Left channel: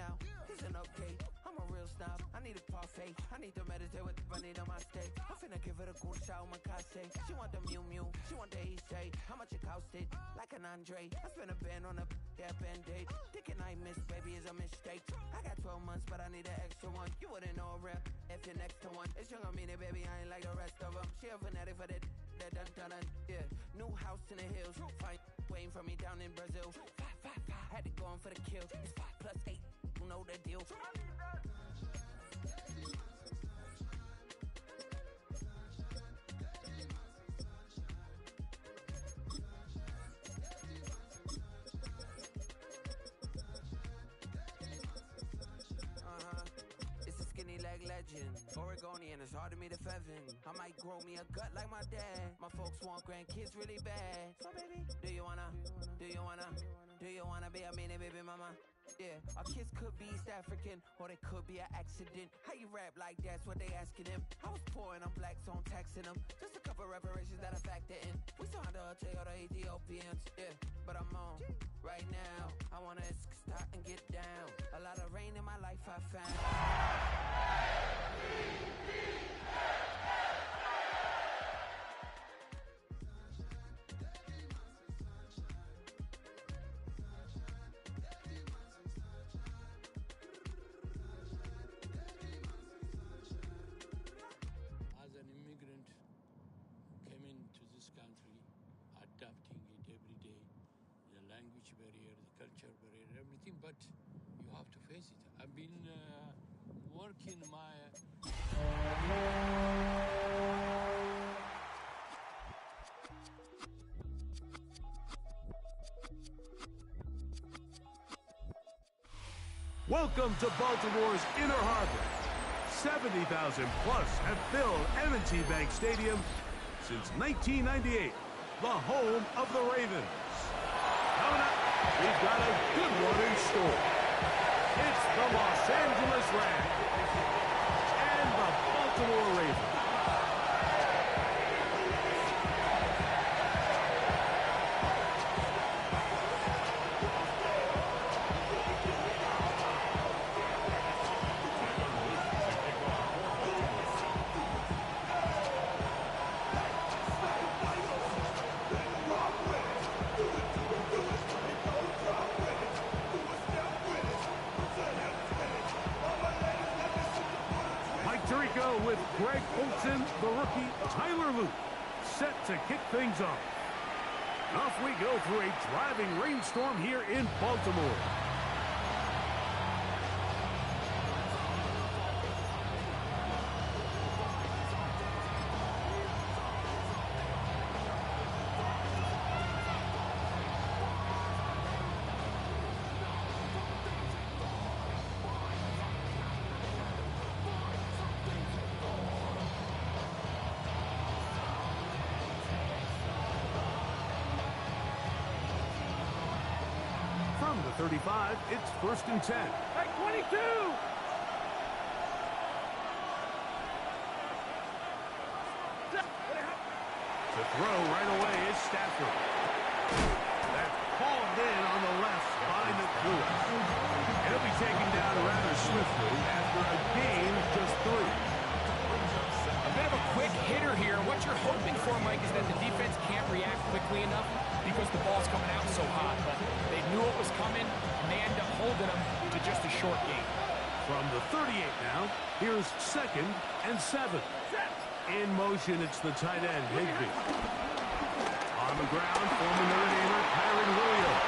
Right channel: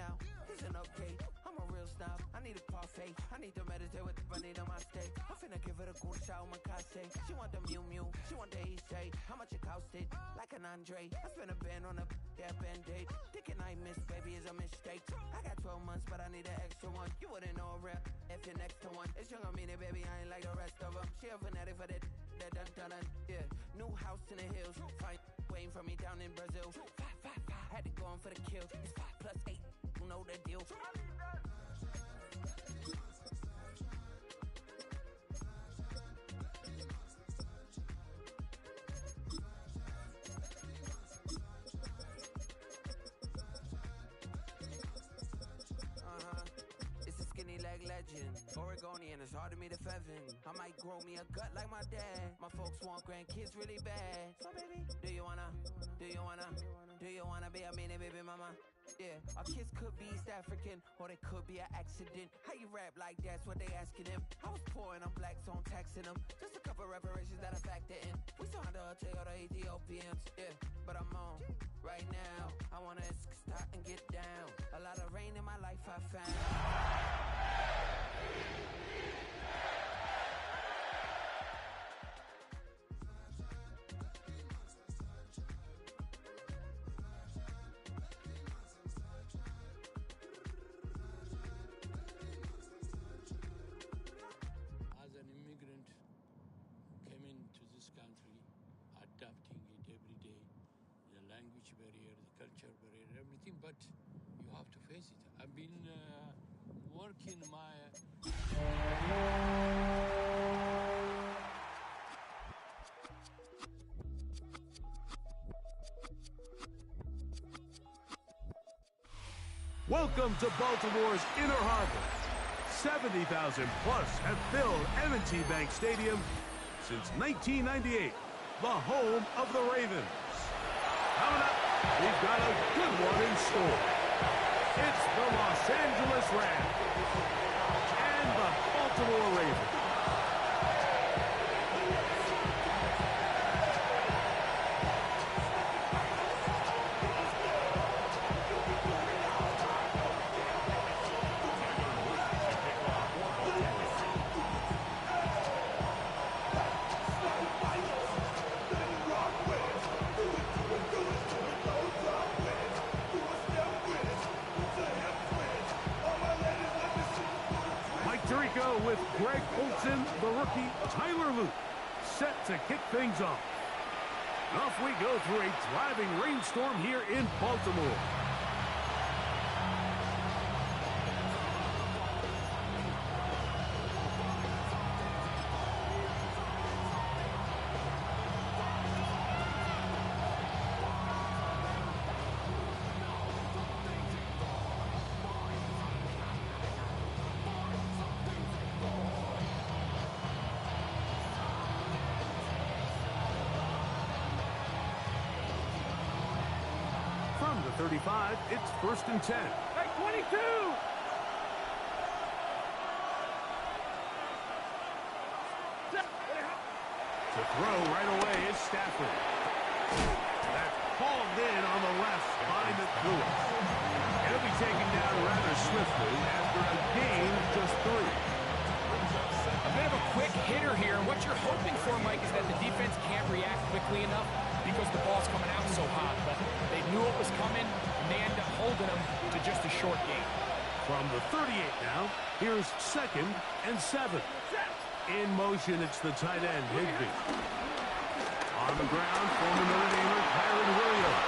now. It's an update. I'm a real snob. I need a parfait. I need to meditate with the bunny on my steak. I'm finna give it a good shot with my case. She want the Mew Mew. She want the East. How much it costed? Like an Andre. I spent a band on a that band-aid. Thinking I missed, baby, is a mistake. I got 12 months, but I need an extra one. You wouldn't know a rep if you're next to one. It's young, I mean it, baby, I ain't like the rest of them. She a fanatic for that dun. Yeah, new house in the hills. Fine, waiting for me down in Brazil. 5, had to go on for the kill. It's 5 plus 8, you know the deal. It's a skinny leg legend. Oregonian, it's hard to meet a Fevin. I might grow me a gut like my dad. My folks want grandkids really bad. So baby, do you wanna be a mini baby mama? Yeah, our kids could be East African, or they could be an accident. How you rap like that's what they asking him. I was poor and I'm black, so I'm taxing them. Just a couple reparations that I factor in. We saw the Toyota Ethiopians, yeah, but I'm on right now. I wanna start and get down. A lot of rain in my life I found. As an immigrant, came into this country, adapting it every day, the language barrier, the culture barrier, everything, but you have to face it. I've been working my... Welcome to Baltimore's Inner Harbor. 70,000 plus have filled M&T Bank Stadium since 1998, the home of the Ravens. Coming up, we've got a good one in store. It's the Los Angeles Rams and the Baltimore Ravens. Tirico with Greg Olsen, the rookie, Tyler Luke, set to kick things off. Off we go through a driving rainstorm here in Baltimore. From the 35, it's 1st and 10. At 22! To throw right away is Stafford. That's called in on the left by Lewis. It'll be taken down rather swiftly after a gain of just 3. A bit of a quick hitter here, and what you're hoping for, Mike, is that the defense can't react quickly enough because the ball's coming out so hot, but they knew it was coming, and they end up holding them to just a short gain. From the 38 now, here's 2nd and 7. In motion, it's the tight end, Higbee. On the ground, former Notre Damer, Kyron Williams.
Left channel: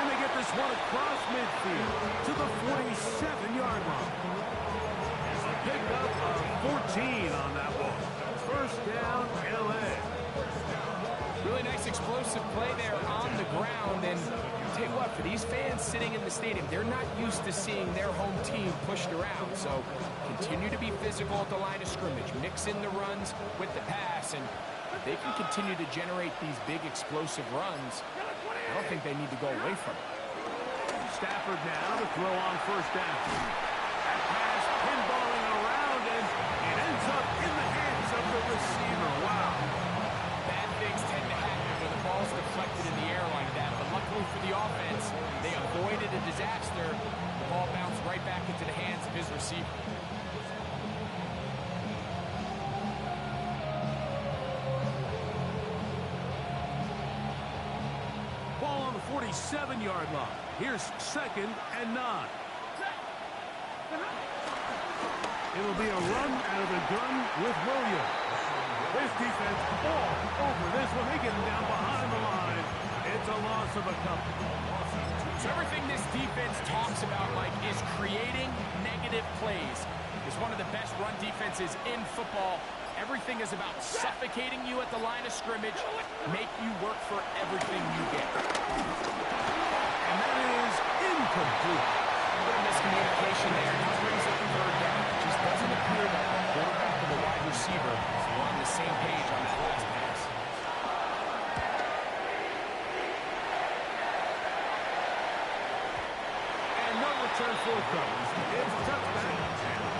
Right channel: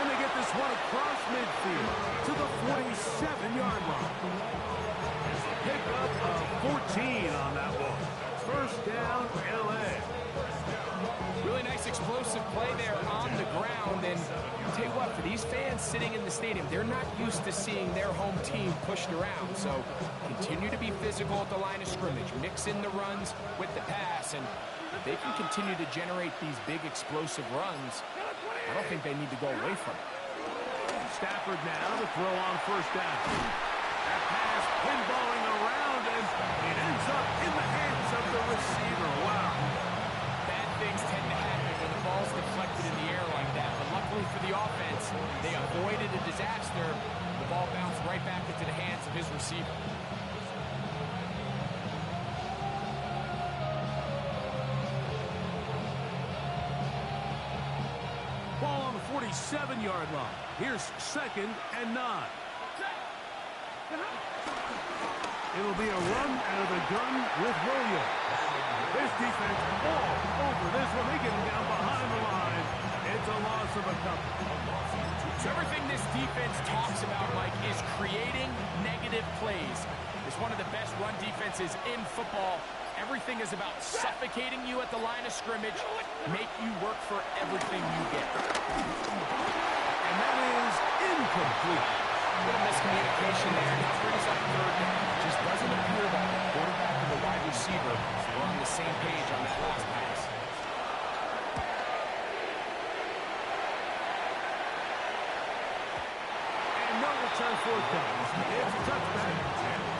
And they get this one across midfield to the 47-yard line. A pickup of 14 on that one. 1st down, L.A. Really nice explosive play there on the ground, and I'll tell you what, for these fans sitting in the stadium, they're not used to seeing their home team pushed around, so continue to be physical at the line of scrimmage, mix in the runs with the pass, and if they can continue to generate these big explosive runs, I don't think they need to go away from it. Stafford now to throw on 1st down. That pass pinballing around, and it ends up in the hands of the receiver. Wow. Bad things tend to happen when the ball's deflected in the air like that, but luckily for the offense. They avoided a disaster. The ball bounced right back into the hands of his receiver. Ball on the 47-yard line. Here's 2nd and 9. It'll be a run out of the gun with Williams. This defense all over this one. They get him down behind the line. It's a loss of a couple. So everything this defense talks about, Mike, is creating negative plays. It's one of the best run defenses in football. Everything is about suffocating you at the line of scrimmage, make you work for everything you get. And that is incomplete. A bit of miscommunication there. Now brings up 3rd down. It just doesn't appear that the quarterback and the wide receiver were on the same page on that last pass. And no return forthcoming. It's a touchback.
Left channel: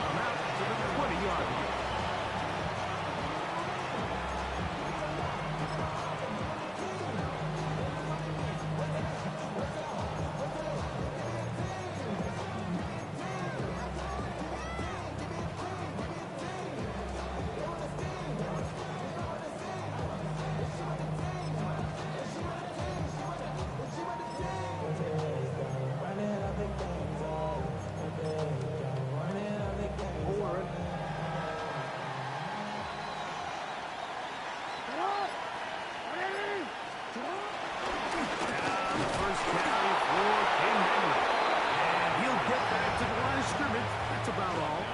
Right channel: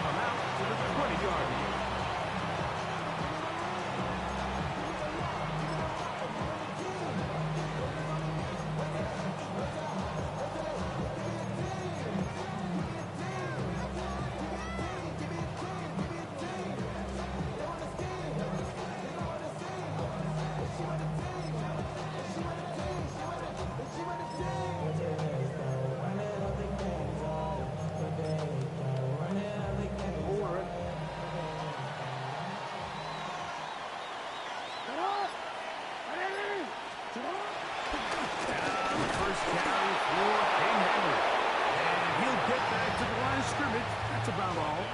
Come out to the 20-yard line. That's about all.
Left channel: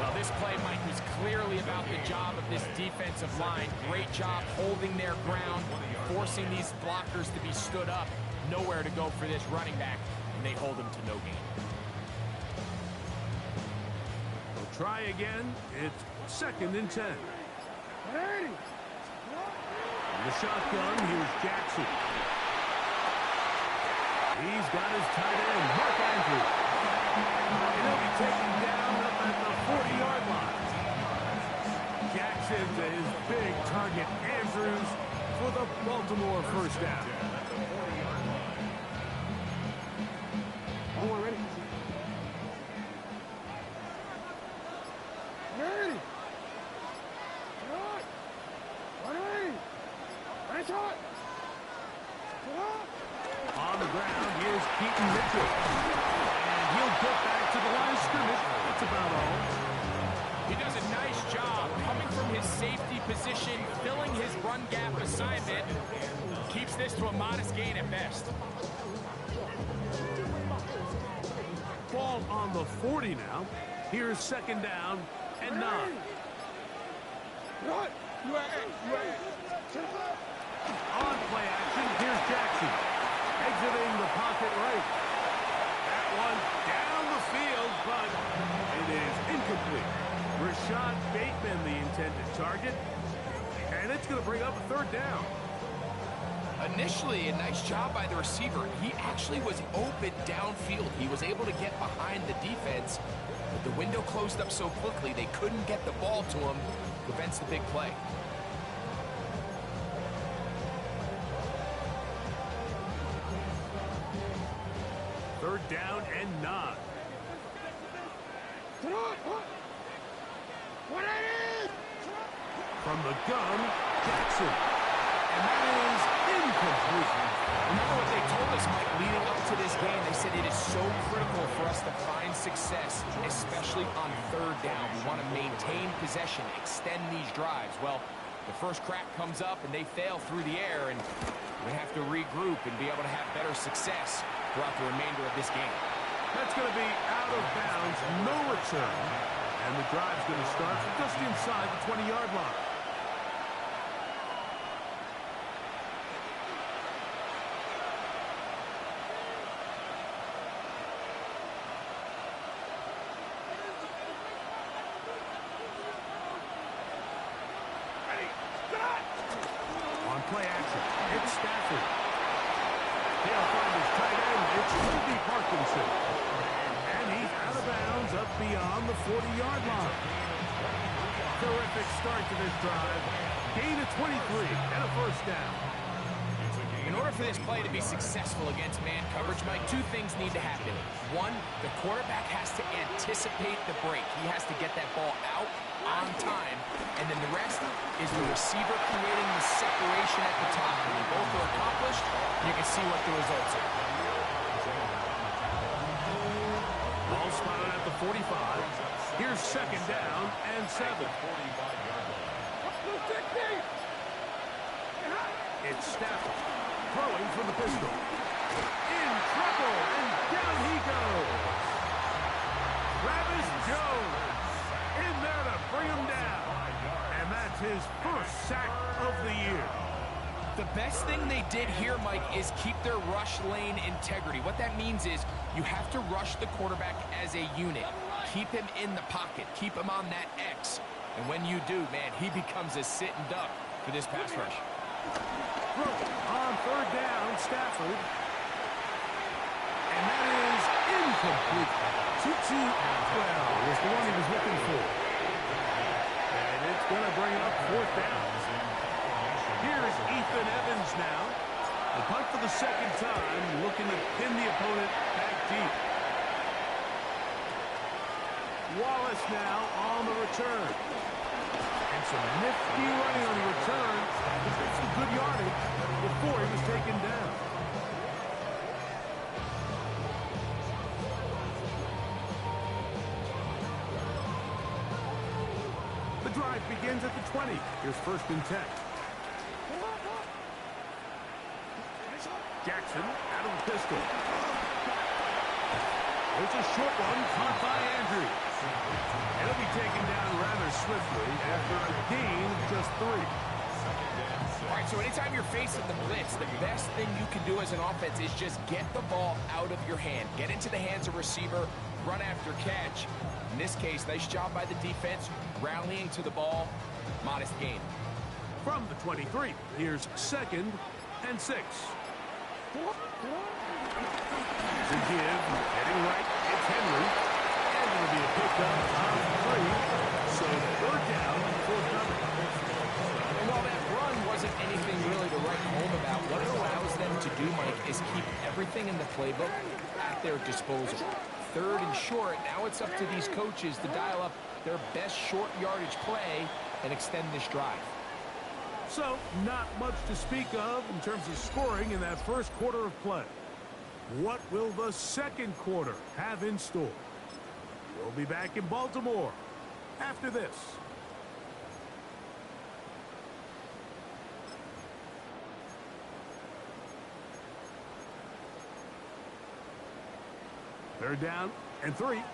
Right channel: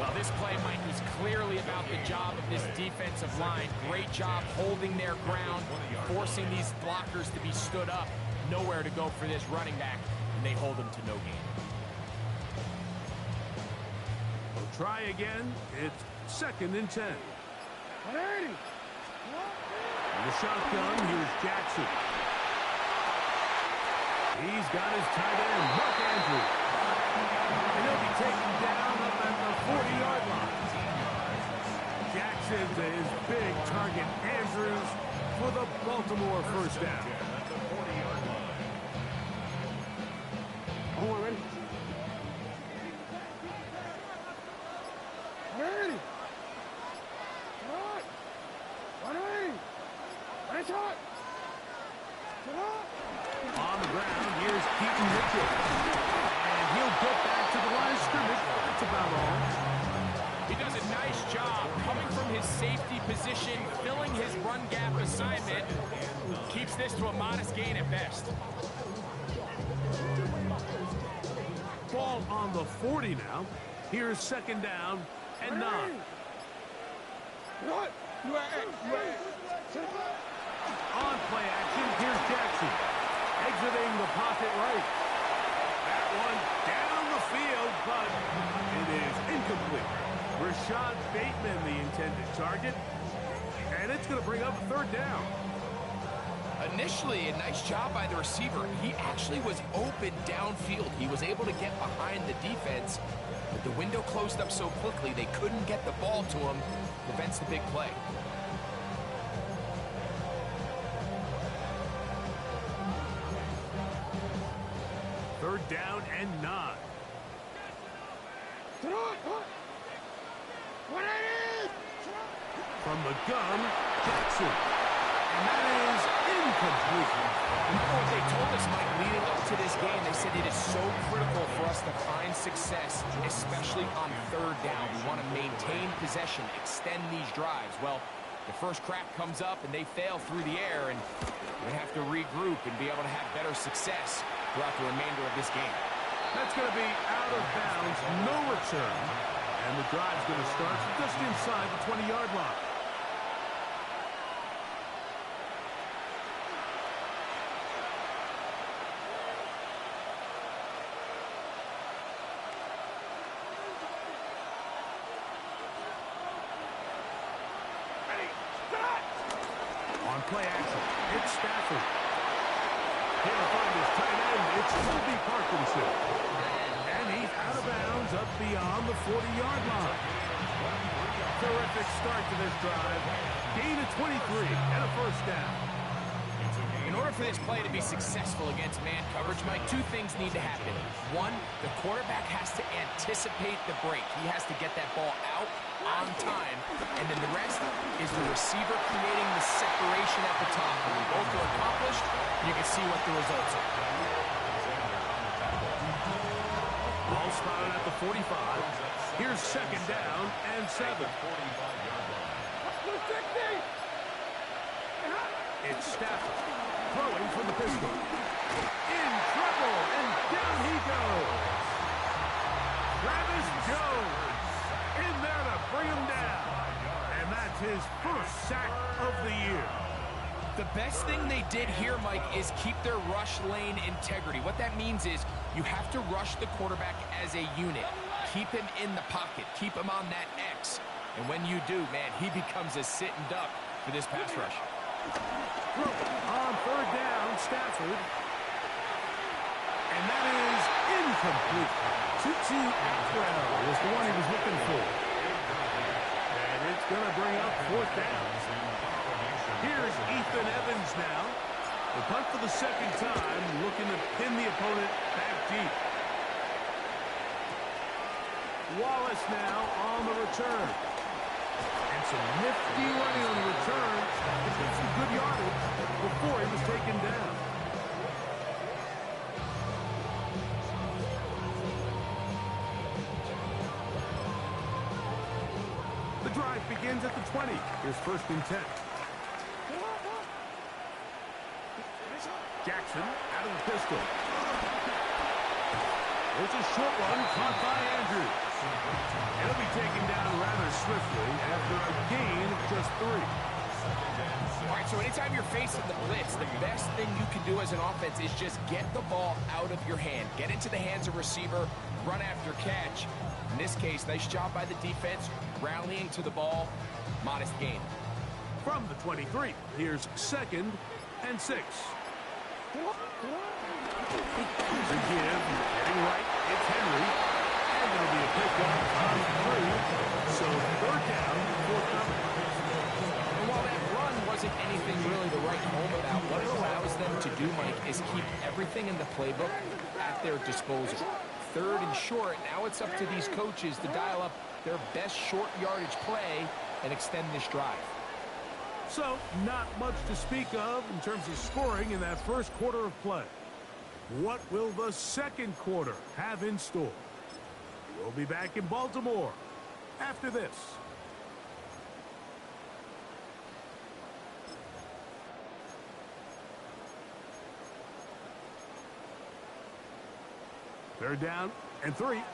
Well, this play, Mike, was clearly about the job of this defensive line. Great job holding their ground, forcing these blockers to be stood up. Nowhere to go for this running back, and they hold him to no gain. We'll try again. It's 2nd and 10. In the shotgun, here's Jackson. He's got his tight end, Mark Andrews. And he'll be taken down up at the 40-yard line. Jackson's his big target, Andrews, for the Baltimore first down. Oh, ready? Ready? Hot! 180! Nice hot! On the ground, here's Keaton Mitchell. He'll get back to the line of scrimmage. That's about all. He does a nice job coming from his safety position, filling his run gap assignment. Keeps this to a modest gain at best. Ball on the 40 now. Here's 2nd down and 9. On play action, here's Jackson. Exiting the pocket right. That one down the field, but it is incomplete. Rashad Bateman, the intended target. And it's going to bring up a 3rd down. Initially, a nice job by the receiver. He actually was open downfield. He was able to get behind the defense, but the window closed up so quickly they couldn't get the ball to him. Prevents the big play. Third down and 9. From the gun, Jackson. And that is incomplete. Remember what they told us, Mike, leading up to this game. They said it is so critical for us to find success, especially on 3rd down. We want to maintain possession, extend these drives. Well, the first crack comes up and they fail through the air, and we have to regroup and be able to have better success throughout the remainder of this game. That's going to be out of bounds, no return. And the drive's going to start from just inside the 20-yard line. On play action, it's Stafford. He'll find his tight end. It's Colby Parkinson. And he's out of bounds up beyond the 40-yard line. Terrific start to this drive. Gain of 23 and a 1st down. In order for this play to be successful against man coverage, Mike, two things need to happen. One, the quarterback has to anticipate the break. He has to get that ball out on time. And then the rest is the receiver creating the separation at the top. When both are accomplished, you can see what the results are. Ball spotted at the 45. Here's second down and 7. It's Stafford throwing from the pistol. In trouble, and down he goes. Travis Jones in there to bring him down. And that's his first sack of the year. The best thing they did here, Mike, is keep their rush lane integrity. What that means is you have to rush the quarterback as a unit. Keep him in the pocket. Keep him on that X. And when you do, man, he becomes a sitting duck for this pass rush. On third down, Stafford. And that is incomplete. Tutu Atwell was the one he was looking for. And it's going to bring up fourth down. Here's Ethan Evans now. The punt for the second time, looking to pin the opponent back deep. Wallace now on the return. And some nifty running on the return. He got some good yardage before he was taken down. The drive begins at the 20. Here's first and 10. Jackson out of the pistol. There's a short one caught by Andrews. And he'll be taken down rather swiftly after a gain of just 3. All right, so anytime you're facing the blitz, the best thing you can do as an offense is just get the ball out of your hand. Get into the hands of receiver, run after catch. In this case, nice job by the defense, rallying to the ball, modest gain. From the 23, here's second and 6. The give, heading right, it's Henry. And it'll be a pickup on 3. So third down, forthcoming. And while that run wasn't anything really to write home about, what it allows them to do, Mike, is keep everything in the playbook at their disposal. Third and short, now it's up to these coaches to dial up their best short yardage play and extend this drive. So, not much to speak of in terms of scoring in that first quarter of play. What will the second quarter have in store? We'll be back in Baltimore after this. Third down and 3. Hey,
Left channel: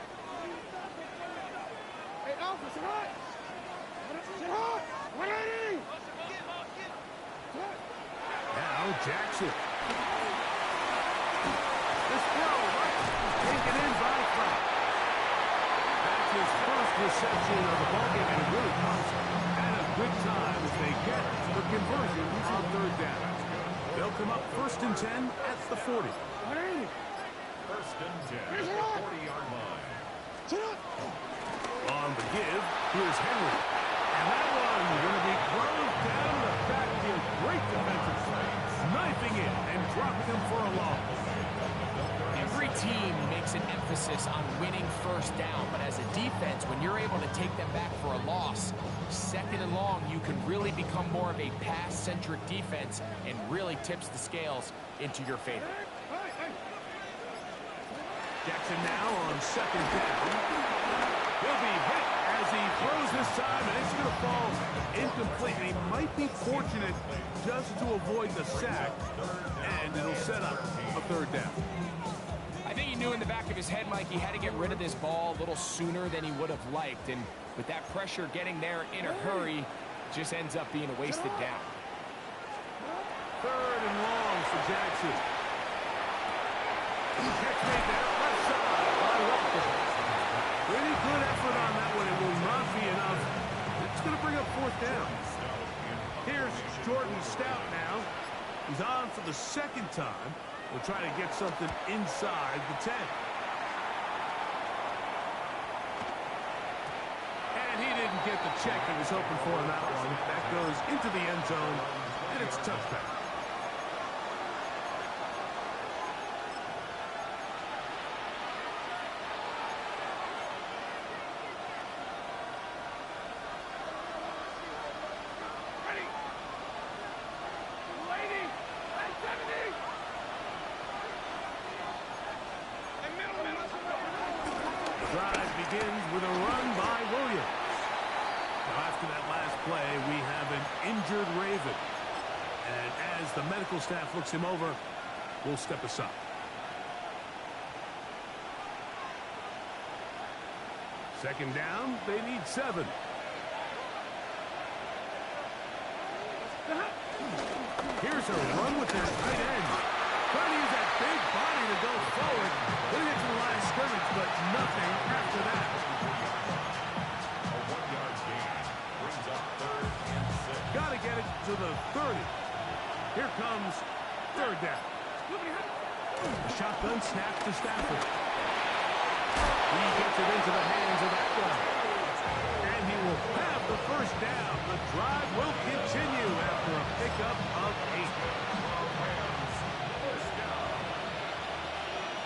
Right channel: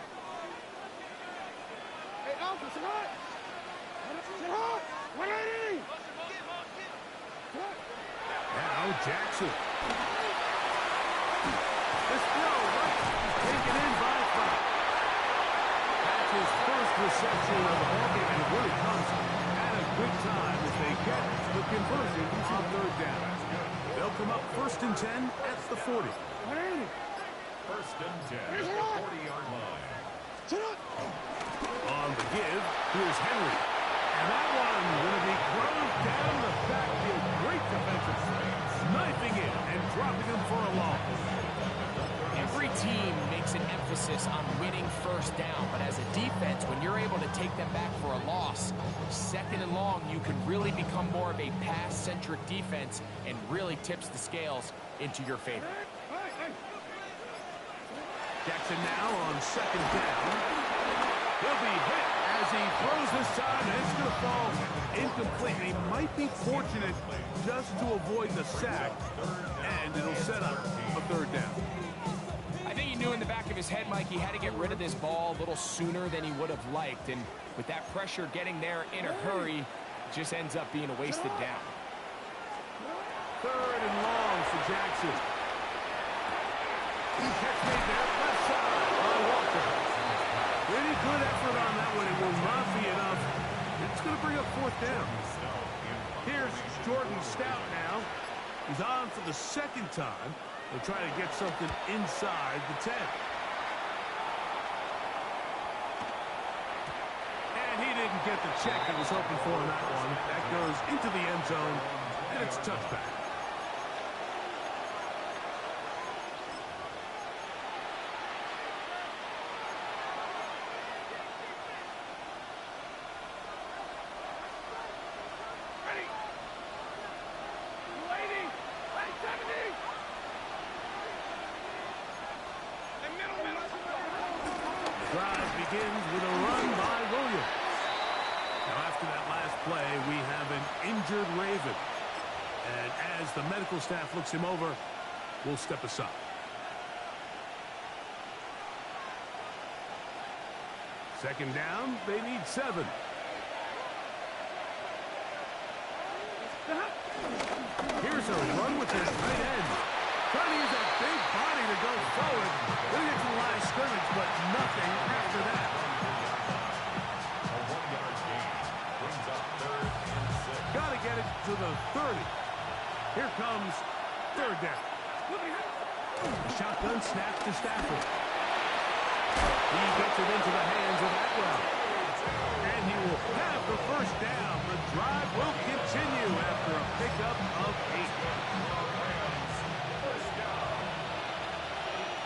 Alpha, sit hot! Sit hot! 180! Now Jackson. This throw, right, taken in by Fox. That's his first reception of the ballgame, and it really comes at a good time as they get the conversion on third down. They'll come up first and 10 at the 40. 180! First and 10 at the 40-yard line. Sit up! On the give, here's Henry. And that one going to be closed down the backfield. Great defensive play. Knifing it and dropping him for a loss. Every team makes an emphasis on winning first down, but as a defense, when you're able to take them back for a loss, second and long, you can really become more of a pass-centric defense and really tips the scales into your favor. Jackson now on second down. He'll be hit as he throws this time, and it's going to fall incomplete. And he might be fortunate just to avoid the sack, and it'll set up a third down. I think he knew in the back of his head, Mike, he had to get rid of this ball a little sooner than he would have liked. And with that pressure getting there in a hurry, it just ends up being a wasted down. Third and long for Jackson. Catch made there, left side by Walker. Pretty good effort on that one. It will not be enough. It's going to bring up fourth down. Here's Jordan Stout now. He's on for the second time. We'll try to get something inside the 10. And he didn't get the check he was hoping for on that one. That goes into the end zone, and it's a touchback. begins with a run by Williams. Now, after that last play, we have an injured Raven. And as the medical staff looks him over, we'll step aside. Second down, they need 7. Here's a run with their tight end. Trying to use that big body to go forward. Going to get to the line of scrimmage, but nothing after that. A 1-yard gain brings up 3rd and 6. Got to get it to the 30. Here comes 3rd down. The shotgun snap to Stafford. He gets it into the hands of Atwell. And he will have the first down. The drive will continue after a pickup of 8. First down.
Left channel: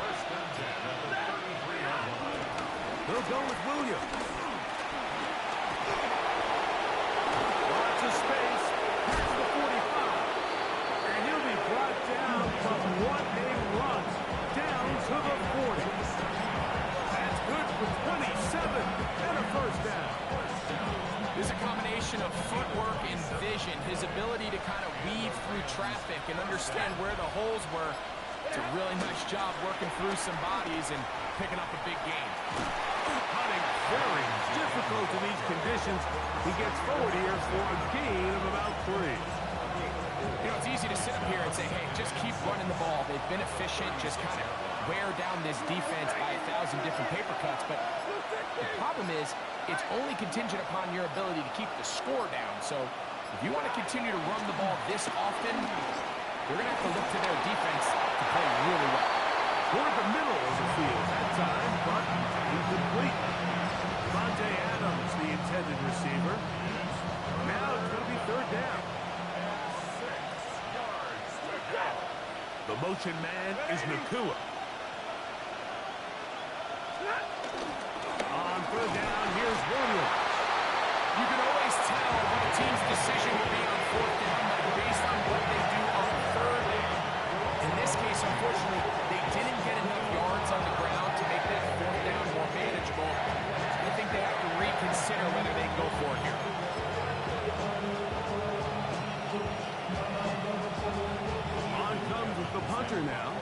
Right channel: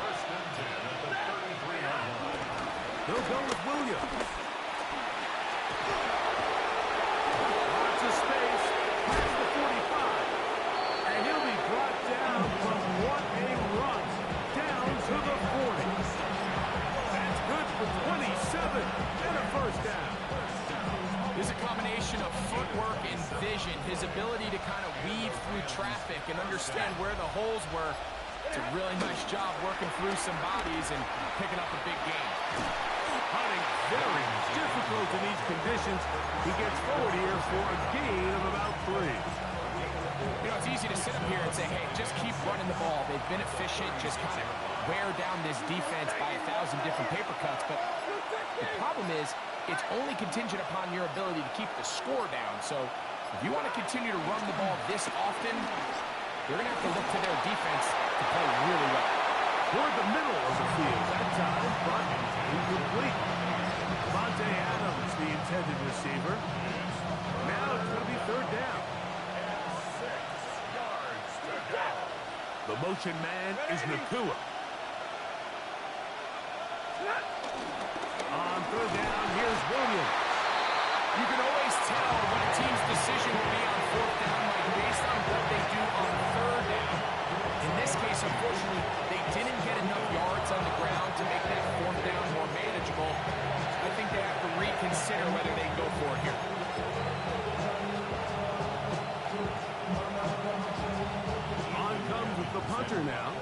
1st and 10 at the 33-yard line. They'll go with Williams. Lots of space. Past the 45. And he'll be brought down, but what a run. Down to the 40. That's good for 27 and a first down. There's a combination of footwork and vision, his ability to kind of weave through traffic and understand where the holes were. It's a really nice job working through some bodies and picking up a big gain. Hunting very difficult in these conditions. He gets forward here for a gain of about 3. You know, it's easy to sit up here and say, hey, just keep running the ball. They've been efficient, just kind of wear down this defense by 1,000 different paper cuts. But the problem is, it's only contingent upon your ability to keep the score down. So if you want to continue to run the ball this often, you're going to have to look to their defense to play really well. Toward the middle of the field that time, but incomplete. Devontae Adams, the intended receiver. Now it's going to be 3rd down. The motion man is Nakua. On 3rd down, here's Williams. You can always tell what a team's decision will be on 4th down, like based on what they do on 3rd down. In this case, unfortunately, they didn't get enough yards on the ground to make that 4th down more manageable. I think they have to reconsider whether they can go for it here. On comes with the punter now,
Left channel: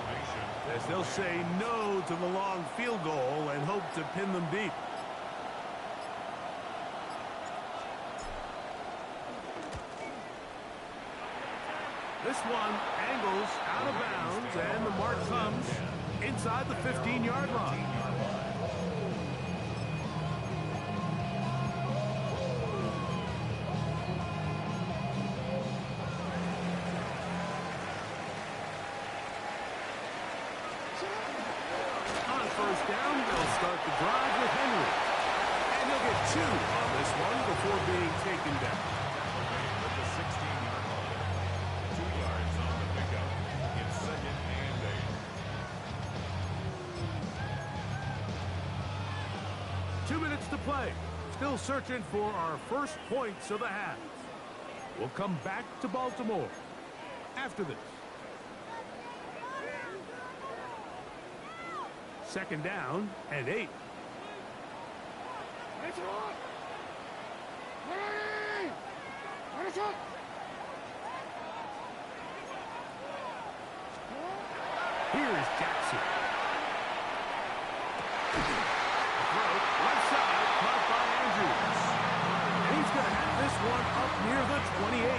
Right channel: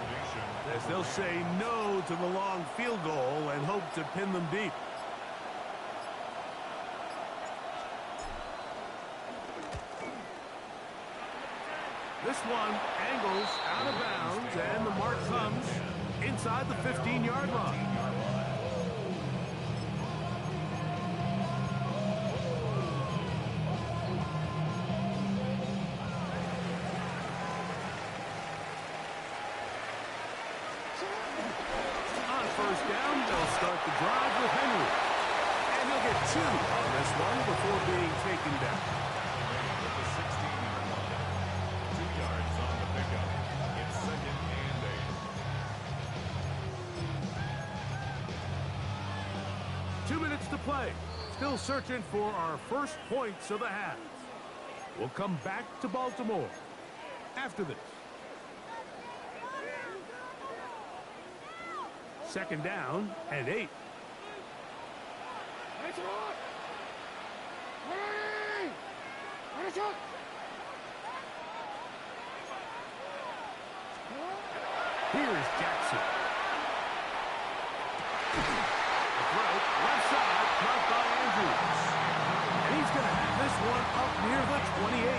as they'll say no to the long field goal and hope to pin them deep. This one angles out of bounds, and the mark comes inside the 15-yard line. On 1st down, they'll start the drive with Henry. And he'll get 2 on this one before being taken down. At the 16-yard line. 2 yards on the pickup. It's 2nd and 8. 2 minutes to play. Still searching for our first points of the half. We'll come back to Baltimore after this. 2nd down and 8. Here's Jackson. A throw, left side, caught by Andrews. And he's going to have this one up near the 28.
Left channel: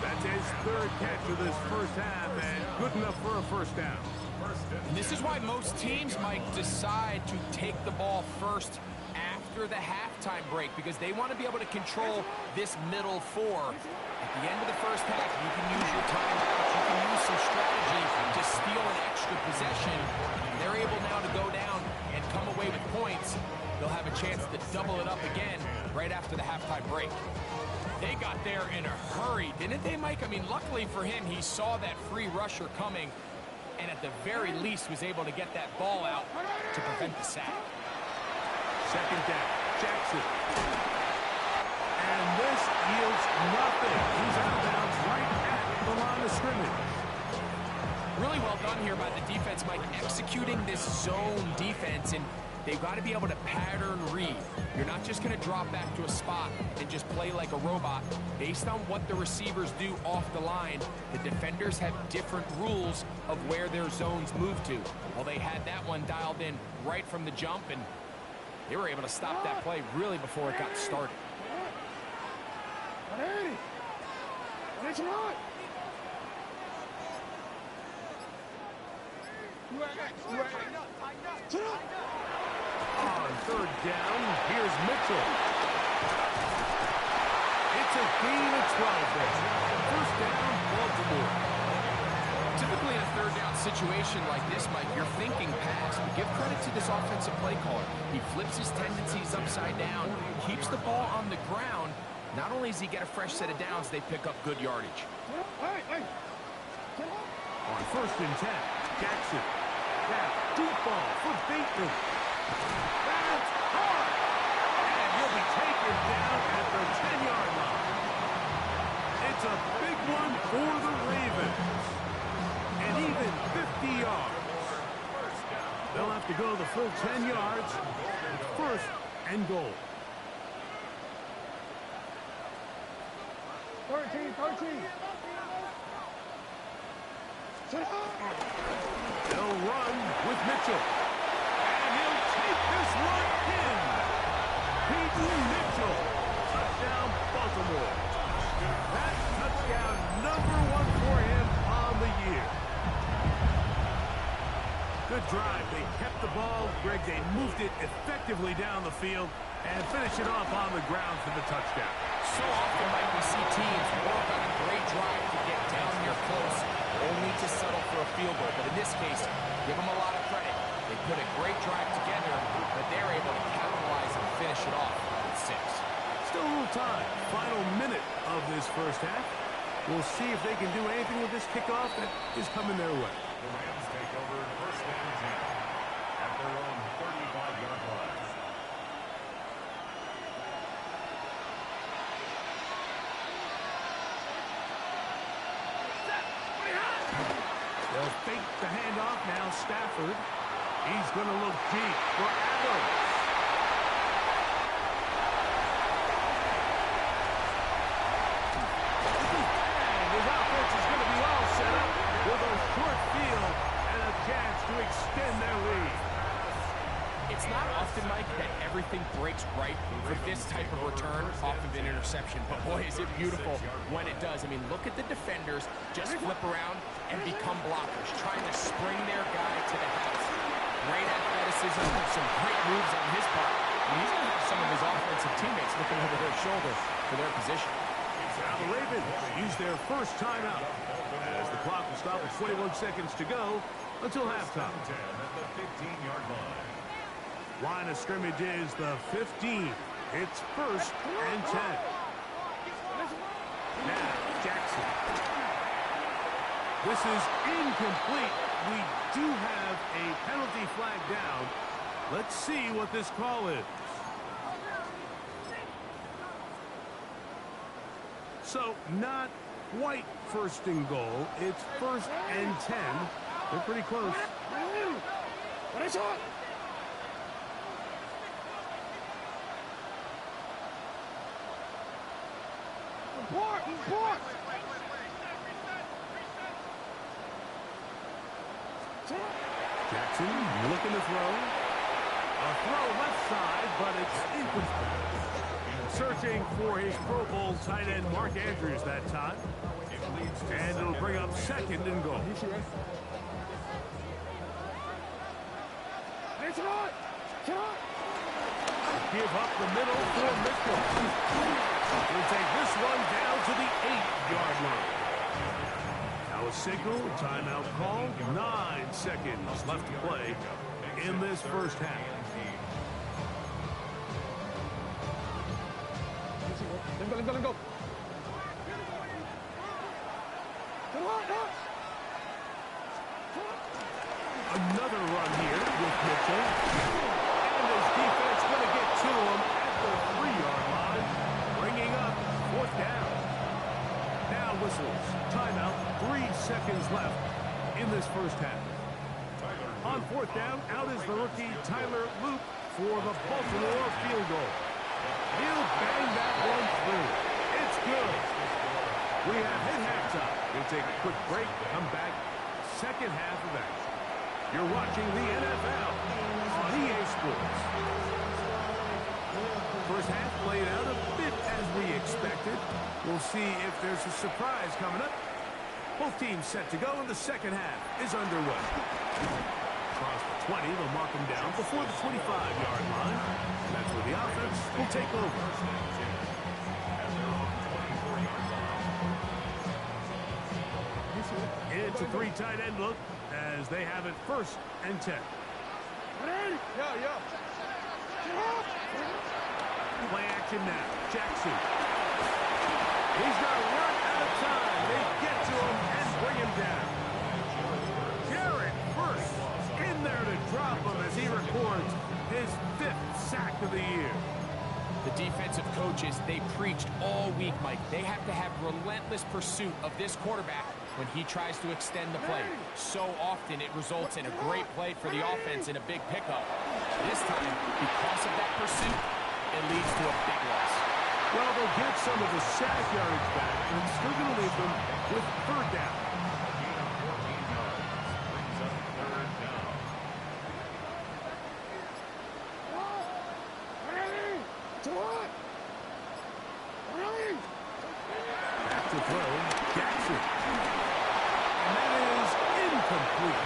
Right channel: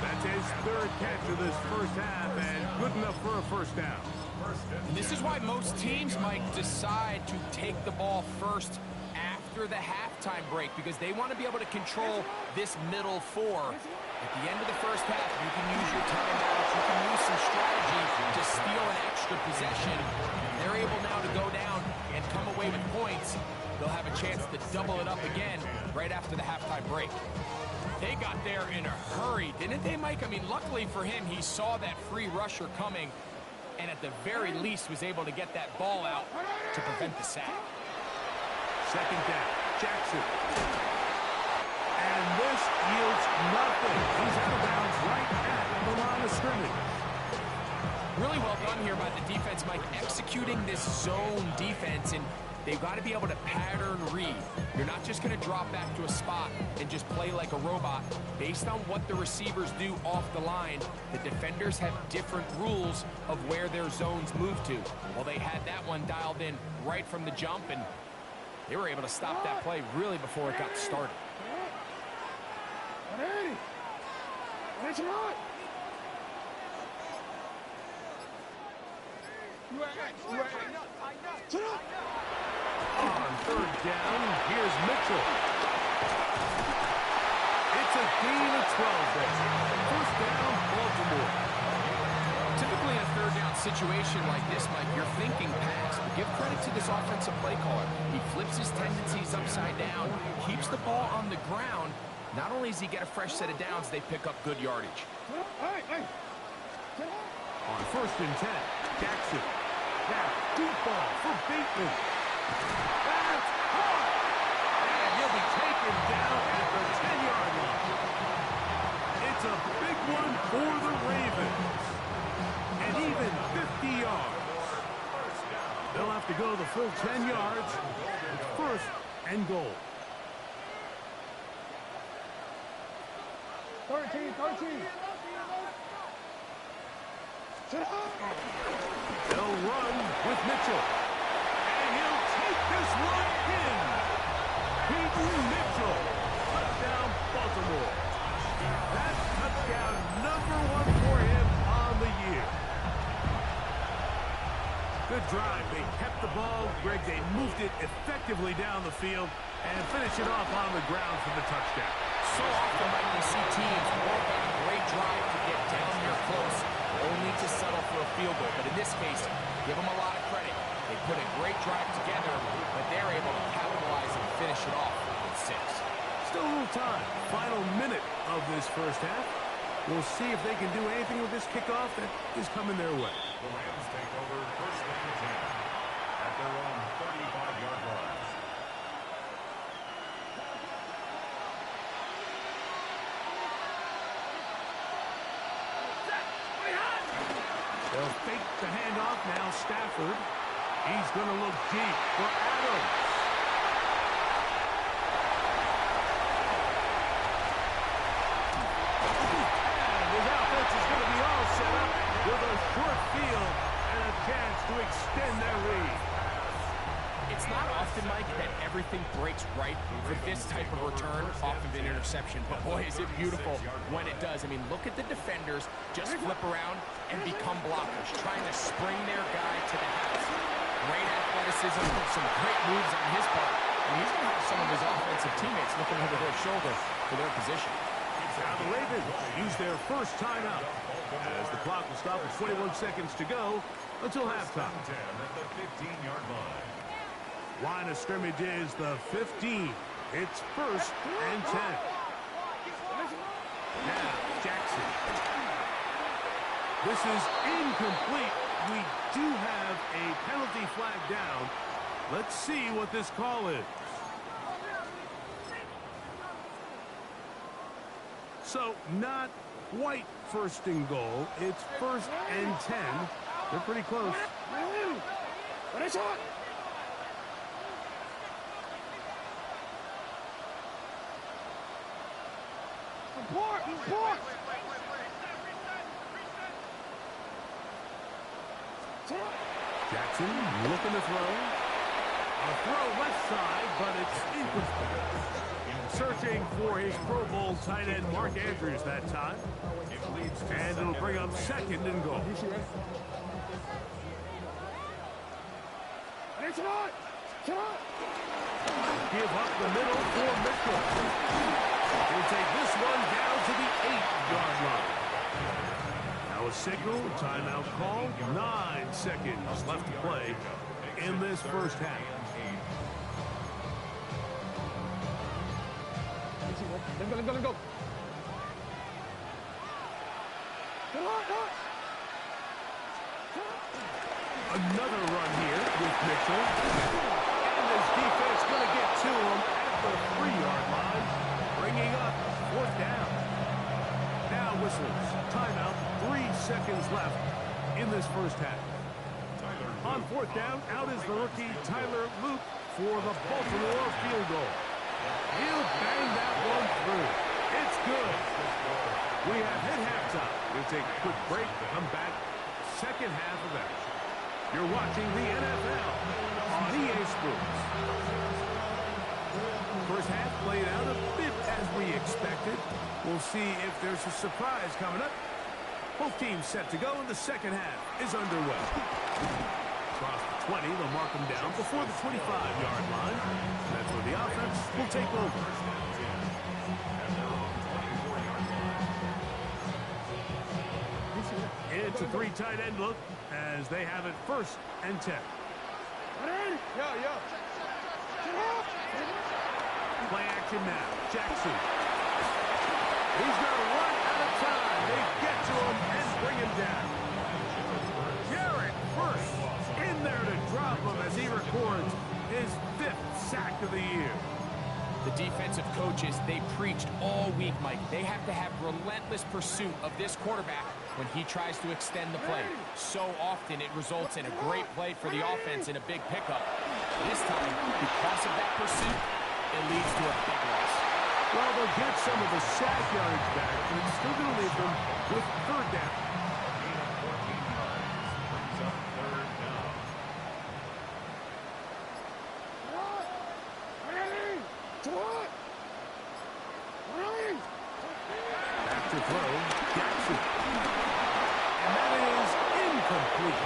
That's his 3rd catch of this first half, and good enough for a first down. And this is why most teams might decide to take the ball first after the halftime break, because they want to be able to control this middle 4. At the end of the first half, you can use your timeouts, you can use some strategy to steal an extra possession. They're able now to go down and come away with points. They'll have a chance to double it up again right after the halftime break. They got there in a hurry, didn't they, Mike? I mean, luckily for him, he saw that free rusher coming, and at the very least was able to get that ball out to prevent the sack. 2nd down, Jackson. And this yields nothing. He's out of bounds right at the line of scrimmage. Really well done here by the defense, Mike, executing this zone defense. And they've got to be able to pattern read. You're not just going to drop back to a spot and just play like a robot. Based on what the receivers do off the line, the defenders have different rules of where their zones move to. Well, they had that one dialed in right from the jump, and they were able to stop that play really before it got started. On third down, here's Mitchell. It's a gain of 12 there. First down, Baltimore. Typically in a third down situation like this, Mike, you're thinking pass, but give credit to this offensive play caller. He flips his tendencies upside down, keeps the ball on the ground. Not only does he get a fresh set of downs, they pick up good yardage. On first and 10, Jackson. Now, deep ball for Bateman. That's caught! And he'll be taken down at the 10-yard line. It's a big one for the Ravens. And even 50 yards. They'll have to go the full 10 yards. It's first and goal. 13. They'll run with Mitchell. And he'll take this one in. Peyton Mitchell. Touchdown, Baltimore. That's touchdown #1 for him on the year. Good drive. They kept the ball. Greg, they moved it effectively down the field and finish it off on the ground for the touchdown. So often, Mike, we see teams work on a great drive to get down here close, only to settle for a field goal. But in this case, give them a lot of credit. They put a great drive together, but they're able to capitalize and finish it off with 6. Still a little time. Final minute of this first half. We'll see if they can do anything with this kickoff that is coming their way. The Rams take over first and 10 at their own 35-yard line. They'll fake the handoff now. Stafford. He's going to look deep for Adams. And his offense is going to be all set up with a short field and a chance to extend their lead. It's not often, Mike, that everything breaks right for this type of return off of an interception. But boy, is it beautiful when it does. I mean, look at the defenders just flip around and become blockers, trying to spring their guy to the house. Great athleticism, some great moves on his part. And he's going to have some of his offensive teammates looking over their shoulder for their position. Now the Ravens use their first timeout as the clock will stop with 21 seconds to go until halftime. 10 at the 15-yard line. Line of scrimmage is the 15. It's first and 10. Now, Jackson. This is incomplete. We do have a penalty flag down. Let's see what this call is. So, not quite first and goal. It's first and 10. They're pretty close. What is it? Report! Jackson looking to throw. A throw left side, but it's incomplete. Searching for his Pro Bowl tight end Mark Andrews that time. And it'll bring up second and goal. Give up the middle for Mitchell. He'll take this one down to the 8-yard line. Now a signal, timeout call. 9 seconds left to play in this first half. Let him go. Another run here with Mitchell. And his defense going to get to him at the 3-yard line, bringing up 4th down. Now whistles. Timeout. 3 seconds left in this first half. Tyler On fourth down, out is the rookie Tyler Loop for the Baltimore field goal. He'll bang that one through. It's good. We have hit halftime. We'll take a quick break, come back, second half of action. You're watching the NFL on EA Sports. First half played out a bit as we expected. We'll see if there's a surprise coming up. Both teams set to go, and the second half is underway. Across the 20, they'll mark them down before the 25-yard line. That's where the offense will take over. It's a three tight end look as they have it 1st and 10. Play action now. Jackson. He's going to run out of time. They get to him and bring him down. Jared first in there to drop him as he records his 5th sack of the year. The defensive coaches, they preached all week, Mike. They have to have relentless pursuit of this quarterback when he tries to extend the play. So often it results in a great play for the offense and a big pickup. This time, because of that pursuit, it leads to a big loss. Well, they'll get some of the sack yardage back, but it's still going to leave them with 3rd down. A gain of 14 yards brings up 3rd down. Back to throw, Jackson. And that is incomplete.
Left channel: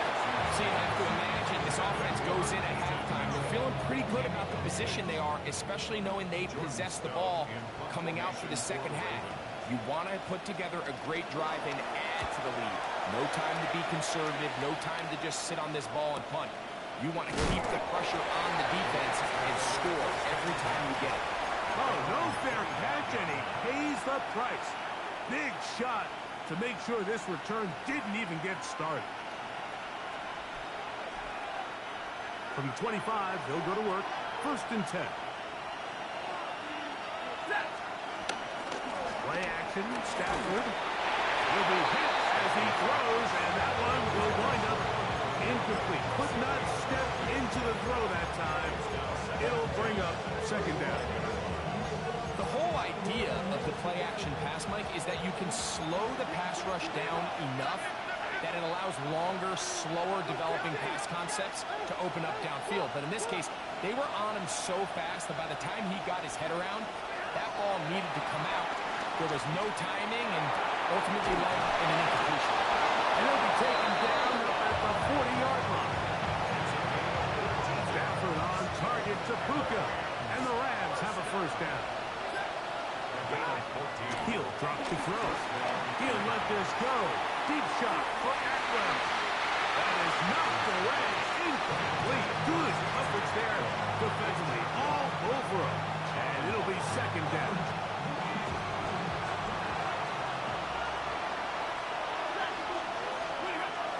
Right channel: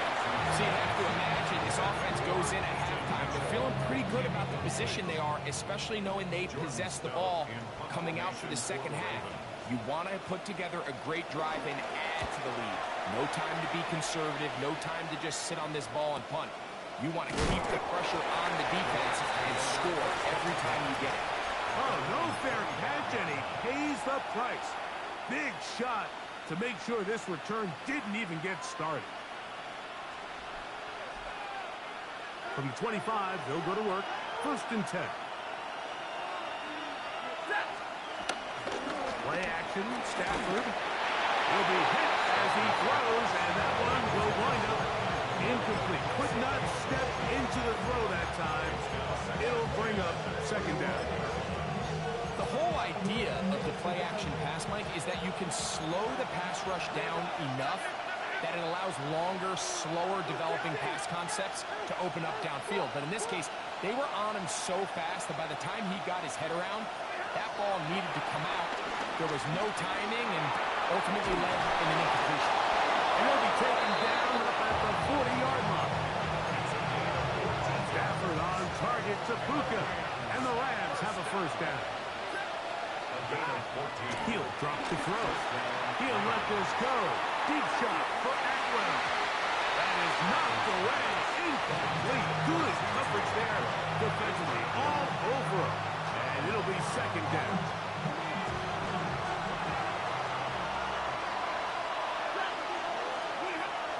So you have to imagine this offense goes in at halftime. They're feeling pretty good about the position they are, especially knowing they possess the ball coming out for the second half. You want to put together a great drive and add to the lead. No time to be conservative, no time to just sit on this ball and punt. You want to keep the pressure on the defense and score every time you get it. Oh, no fair catch, and he pays the price. Big shot to make sure this return didn't even get started. From the 25, they'll go to work. 1st and 10. Play action, Stafford. He'll be hit as he throws, and that one will wind up incomplete. Could not step into the throw that time. It'll bring up 2nd down. The whole idea of the play action pass, Mike, is that you can slow the pass rush down enough that it allows longer, slower developing pass concepts to open up downfield. But in this case, they were on him so fast that by the time he got his head around, that ball needed to come out. There was no timing and ultimately led in an incompletion. And he'll be taken down up at the 40-yard line. Stafford on target to Puka, and the Rams have a 1st down. He'll drop to throw. He'll let this go. Deep shot for Atwell. That is knocked away. Incomplete. Good coverage there defensively. All over him. And it'll be 2nd down.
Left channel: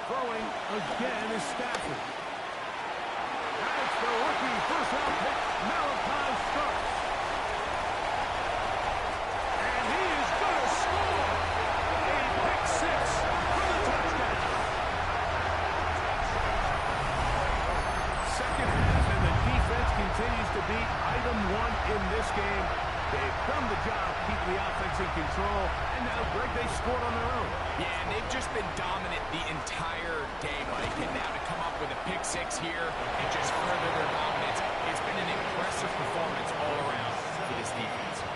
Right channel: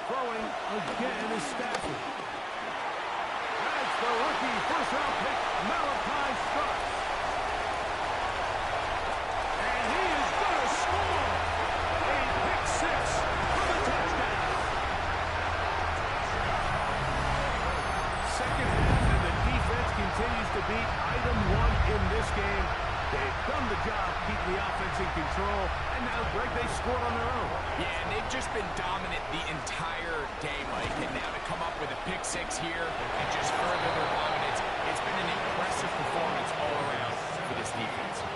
Throwing again is Stafford. That's the rookie first-round pick, Malachi Starks. And he is going to score. A pick 6 for the touchdown. Second half, and the defense continues to be item 1 in this game. They've done the job keeping the offense in control, and now, Greg, they scored on their own. Yeah, and they've just been dominant the entire day, Mike. And now to come up with a pick 6 here and just further their dominance, it's been an impressive performance all around for this defense.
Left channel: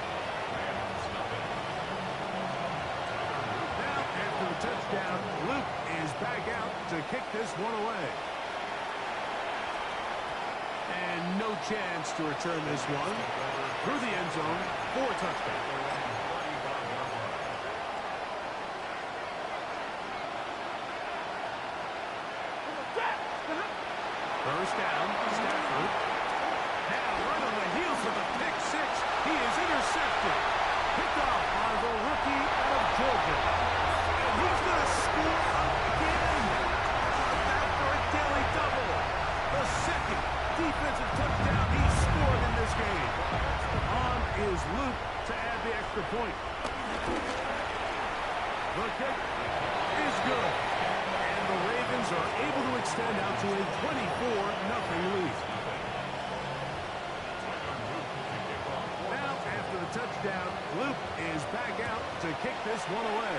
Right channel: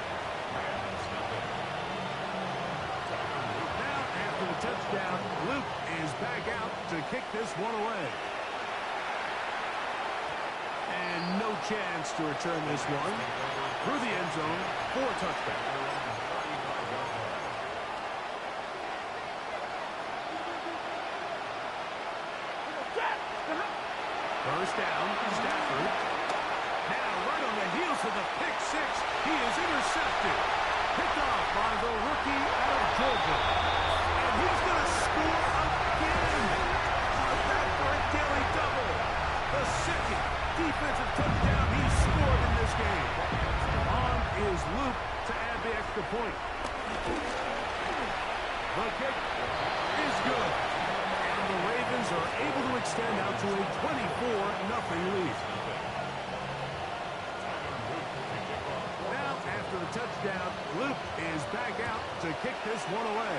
Now, after the touchdown, Luke is back out to kick this one away. And no chance to return this one through the end zone for a touchback. First down, Stafford. Now right on the heels of the pick 6, he is intercepted. Picked off by the rookie out of Georgia. And he's going to score again. Back for a daily double. The 2nd defensive touchdown he scored in this game. On is Luke to add the extra point. The kick is good. And the Ravens are able to extend out to a 24-0 lead. Now, after the touchdown, Luke is back out to kick this one away.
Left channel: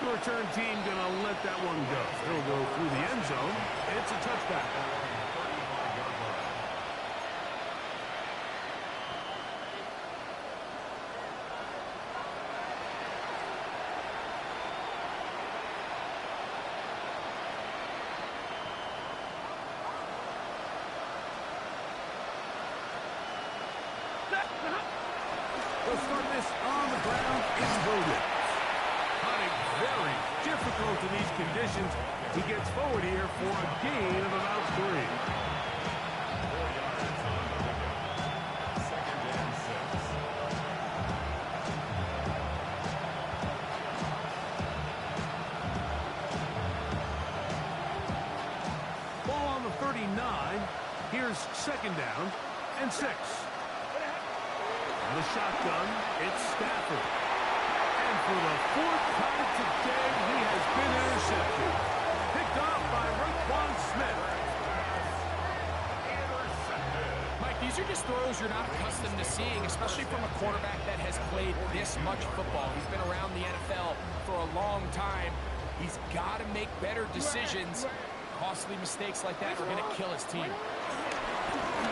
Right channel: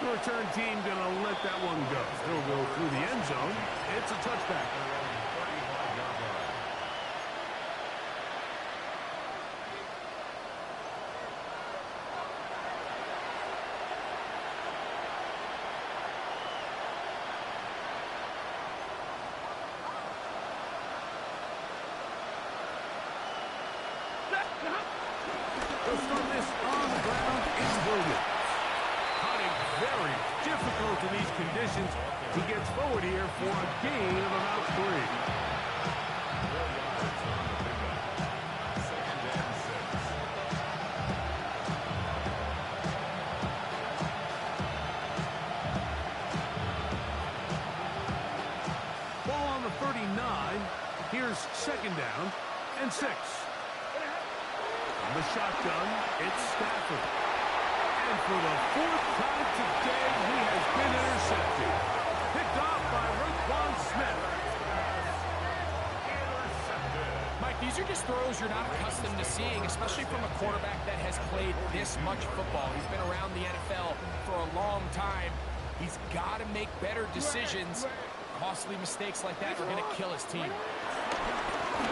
The return team going to let that one go. It'll go through the end zone. It's a touchback. They'll start this on the ground. It's Williams. Hunting very difficult in these conditions. He gets forward here for a gain of about 3. 4 yards on the pickup. 2nd and 6. Ball on the 39. Here's 2nd down and 6. On the shotgun, it's Stafford. And for the 4th time today, he has been intercepted. Picked off by Raekwon Smith. Mike, these are just throws you're not accustomed to seeing, especially from a quarterback that has played this much football. He's been around the NFL for a long time. He's got to make better decisions. Costly mistakes like that are going to kill his team.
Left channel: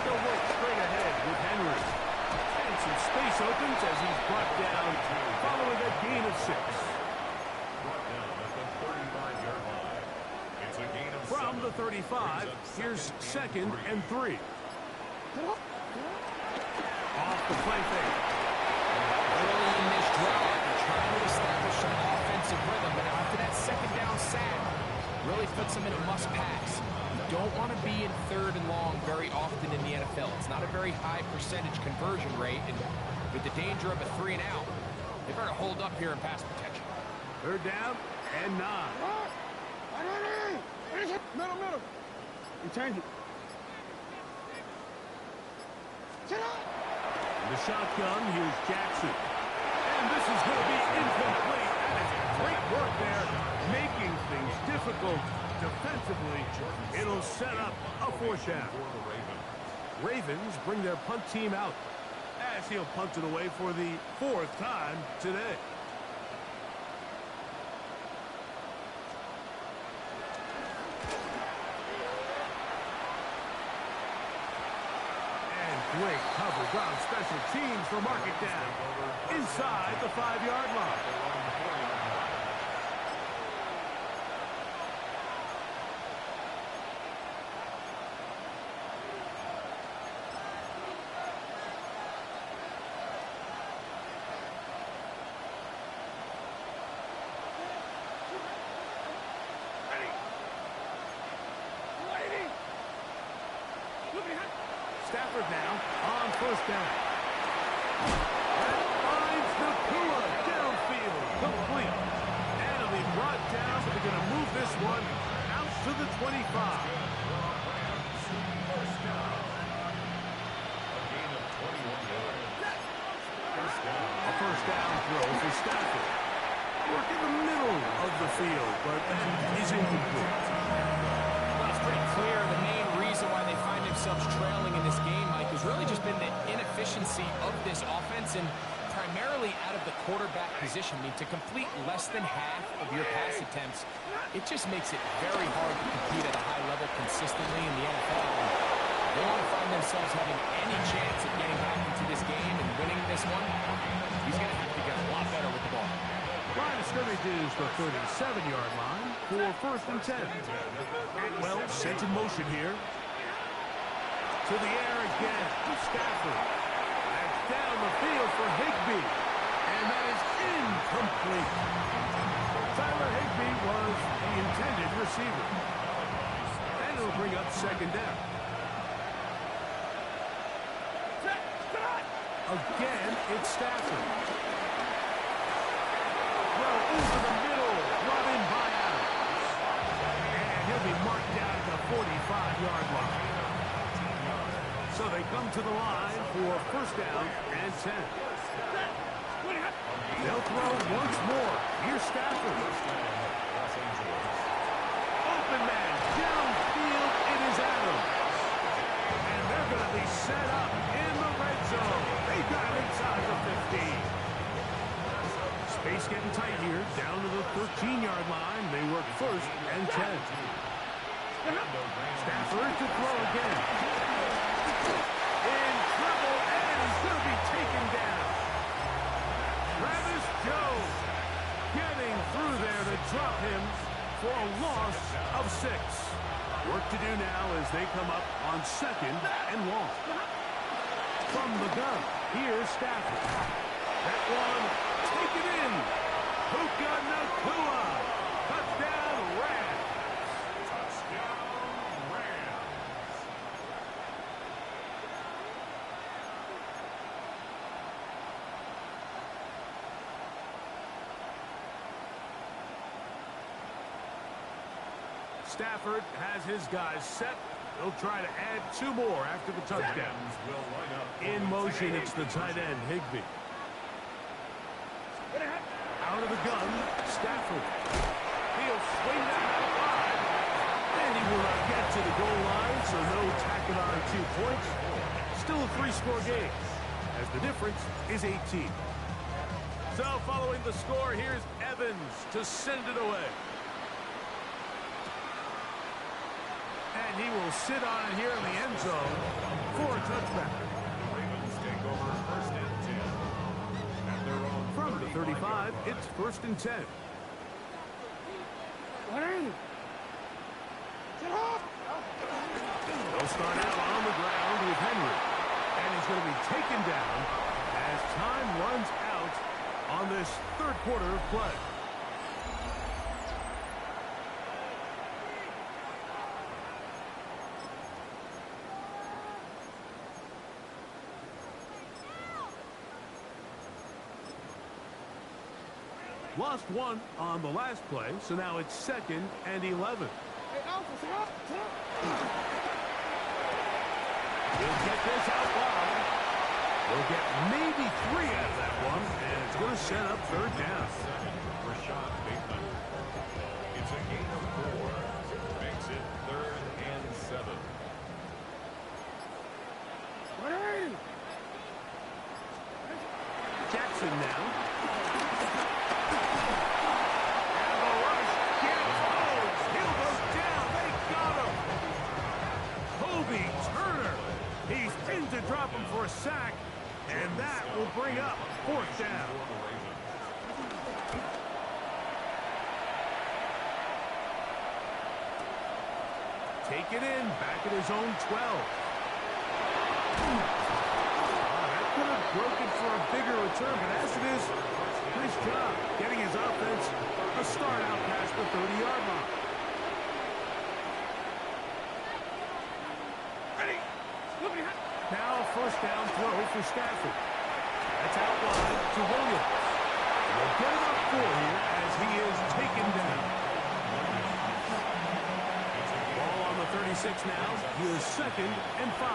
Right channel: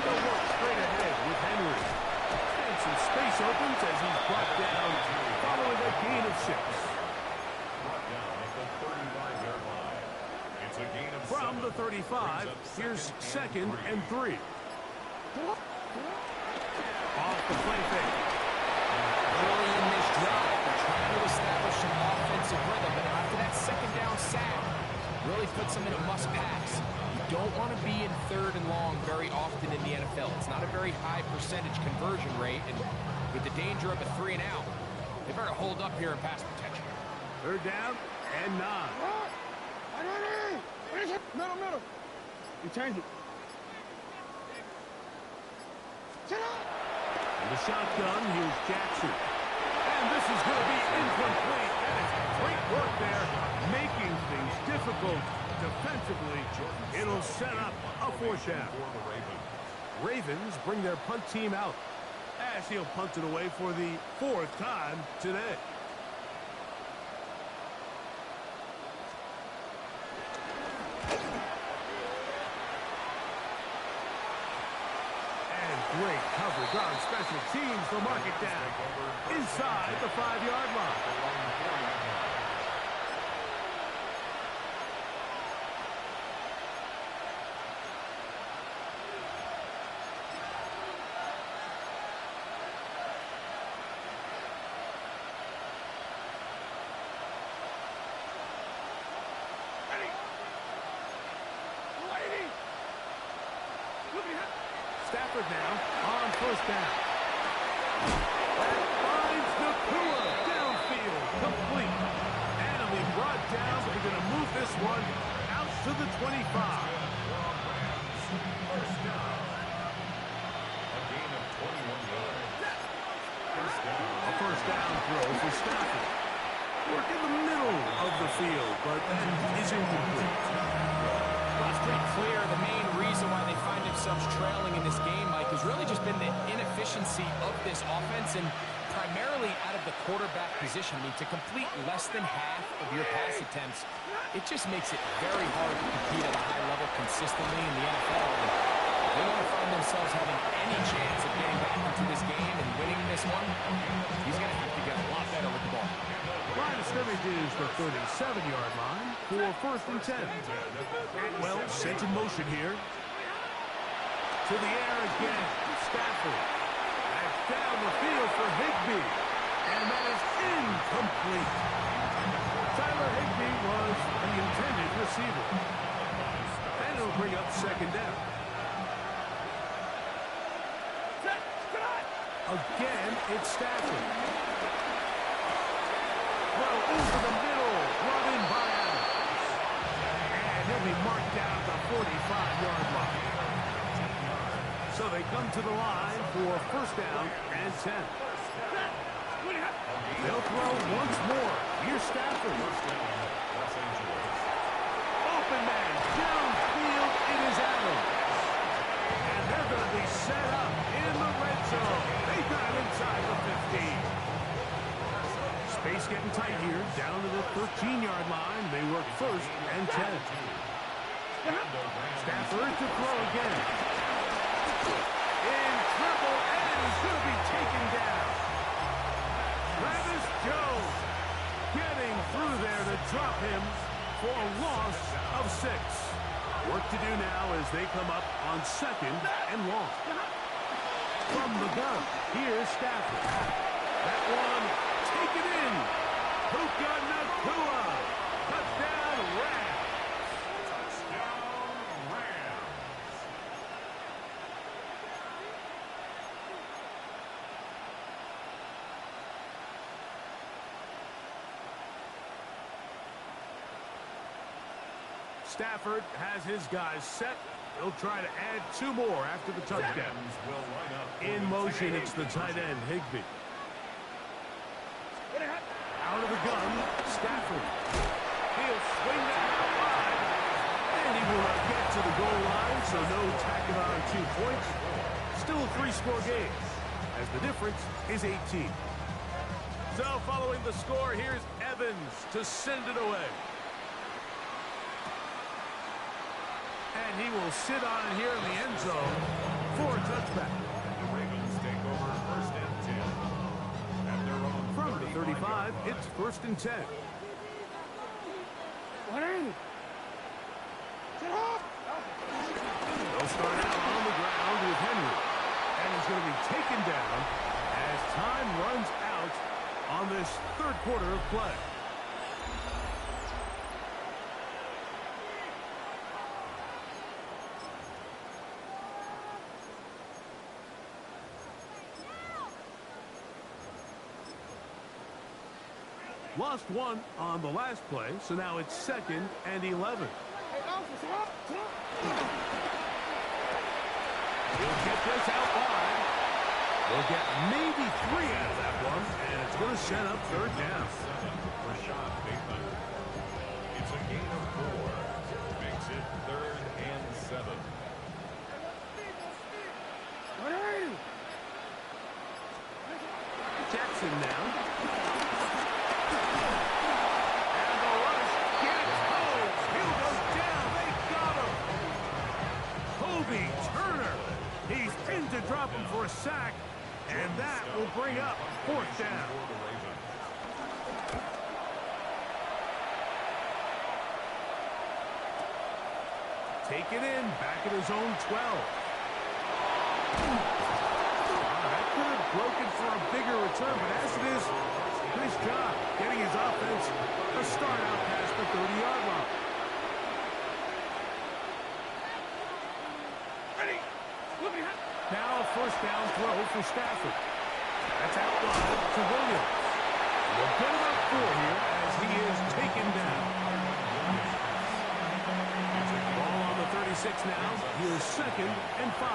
They'll work straight ahead with Henry. And some space opens as he's brought down following a gain of 6. Brought down at the 35-yard line. It's a gain of 7. From the 35, here's 2nd and 3. Off the play fake. Early in this drive, they're trying to establish some offensive rhythm, but after that 2nd down sack, really puts them in a must-pass. You don't want to be in 3rd and long very often in the NFL. It's not a very high percentage conversion rate, and with the danger of a 3 and out, they better hold up here in pass protection. 3rd down and 9. Middle. You change it. In the shotgun, here's Jackson. And this is going to be incomplete. That is great work there, making things difficult defensively. It'll set up a 4th down. Ravens bring their punt team out as he'll punt it away for the 4th time today. Great coverage on special teams. They'll mark it down inside the 5-yard line. Stafford now on 1st down. That finds Nakua downfield, complete. And it'll be brought down, but they're going to move this one out to the 25. First down. A gain of 21 yards. First down. A 1st down throw for Stafford. Work in the middle of the field, but that is incomplete. Well, it's pretty clear the main reason why they find themselves trailing in this game, Mike, has really just been the inefficiency of this offense and primarily out of the quarterback position. I mean, to complete less than half of your pass attempts, it just makes it very hard to compete at a high level consistently in the NFL. And if they want to find themselves having any chance of getting back into this game and winning this one, he's going to have to get a lot better with the ball. Line of scrimmage is the 37-yard line for 1st and 10. Atwell sent in motion here. To the air again. Stafford. That's down the field for Higbee. And that is incomplete. Tyler Higbee was the intended receiver. And it'll bring up 2nd down. Again, it's Stafford. Throw over the middle, brought in by Adams. And he'll be marked down at the 45-yard line. So they come to the line for 1st down and 10. They'll throw once more. Here's Stafford. First down, Los Angeles. Open man, downfield, it is Adams. And they're going to be set up in the red zone. They got it inside the 15. Space getting tight here, down to the 13-yard line. They work first and 10. Stafford to throw again. In trouble, and he's going to be taken down. Travis Jones getting through there to drop him for a loss of 6. Work to do now as they come up on second and long. From the gun, here's Stafford. That one, take it in. Puka Nacua. Touchdown, Rams. Touchdown, Rams. Stafford has his guys set. He'll try to add 2 more after the touchdown. Rams will line up for In the motion, tight it's the tight end, Higbee. Out of the gun, Stafford. He'll swing that out wide. And he will not get to the goal line, so no tacking on 2 points. Still a 3-score game, as the difference is 18. So following the score, here's Evans to send it away. And he will sit on it here in the end zone for a touchback. The Ravens take over first and 10. At their own From the 35, it's first and 10. They'll start out on the ground with Henry. And he's going to be taken down as time runs out on this third quarter of play. Lost 1 on the last play, so now it's second and 11. He'll get this out wide. They'll get maybe 3 out of that one, and it's going to set up third down. Rashad Bateman. It's a gain of 4. Makes it third and 7. Jackson now. And the rush gets home. He'll go down. They got him. Kobe Turner. He's pinned to drop him for a sack. And that will bring up fourth down. Take it in. Back at his own 12. That could have broken for a bigger return, but as it is, nice job getting his offense a start out past the 30-yard line. Now a first down throw for Stafford. That's out wide to Williams. They'll get about 4 here as he is taken down. Ball on the 36 now. Here's second and 5.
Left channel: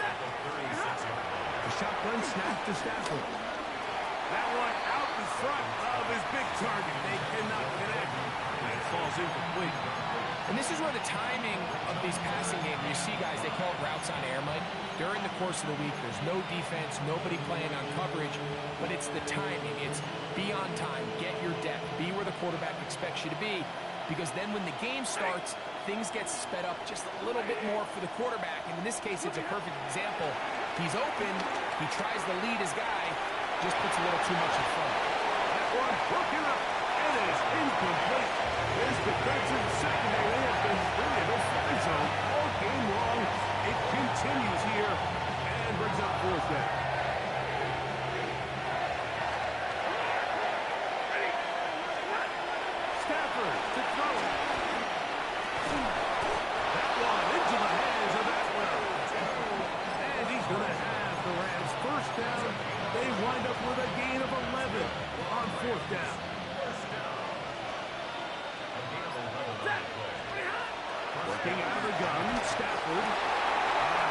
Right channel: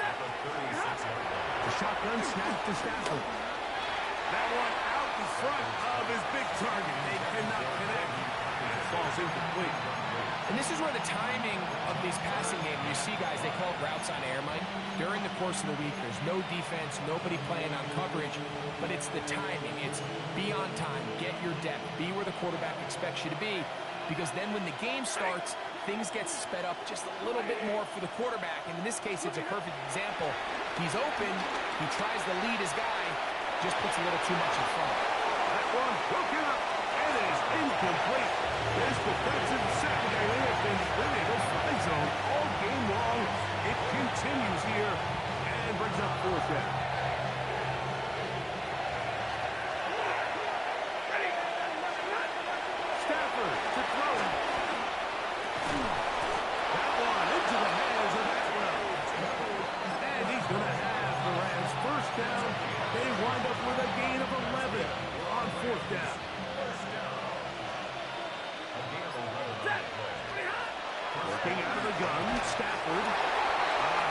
The shotgun snap to Stafford. That one out in front of his big target. They cannot connect. And it falls incomplete. And this is where the timing of these passing games, you see guys, they call it routes on air, Mike. During the course of the week, there's no defense, nobody playing on coverage, but it's the timing. It's be on time, get your depth, be where the quarterback expects you to be, because then when the game starts, things get sped up just a little bit more for the quarterback. And in this case, it's a perfect example. He's open, he tries to lead his guy, just puts a little too much in front. That one broken up. It is incomplete. This defensive secondary, they have been really in no fly zone all game long. It continues here and brings up fourth down. Stafford to throw it. That one into the hands of Atwell. And he's going to have the Rams first down. They wind up with a gain of 11 on fourth down. Working out of the gun, Stafford.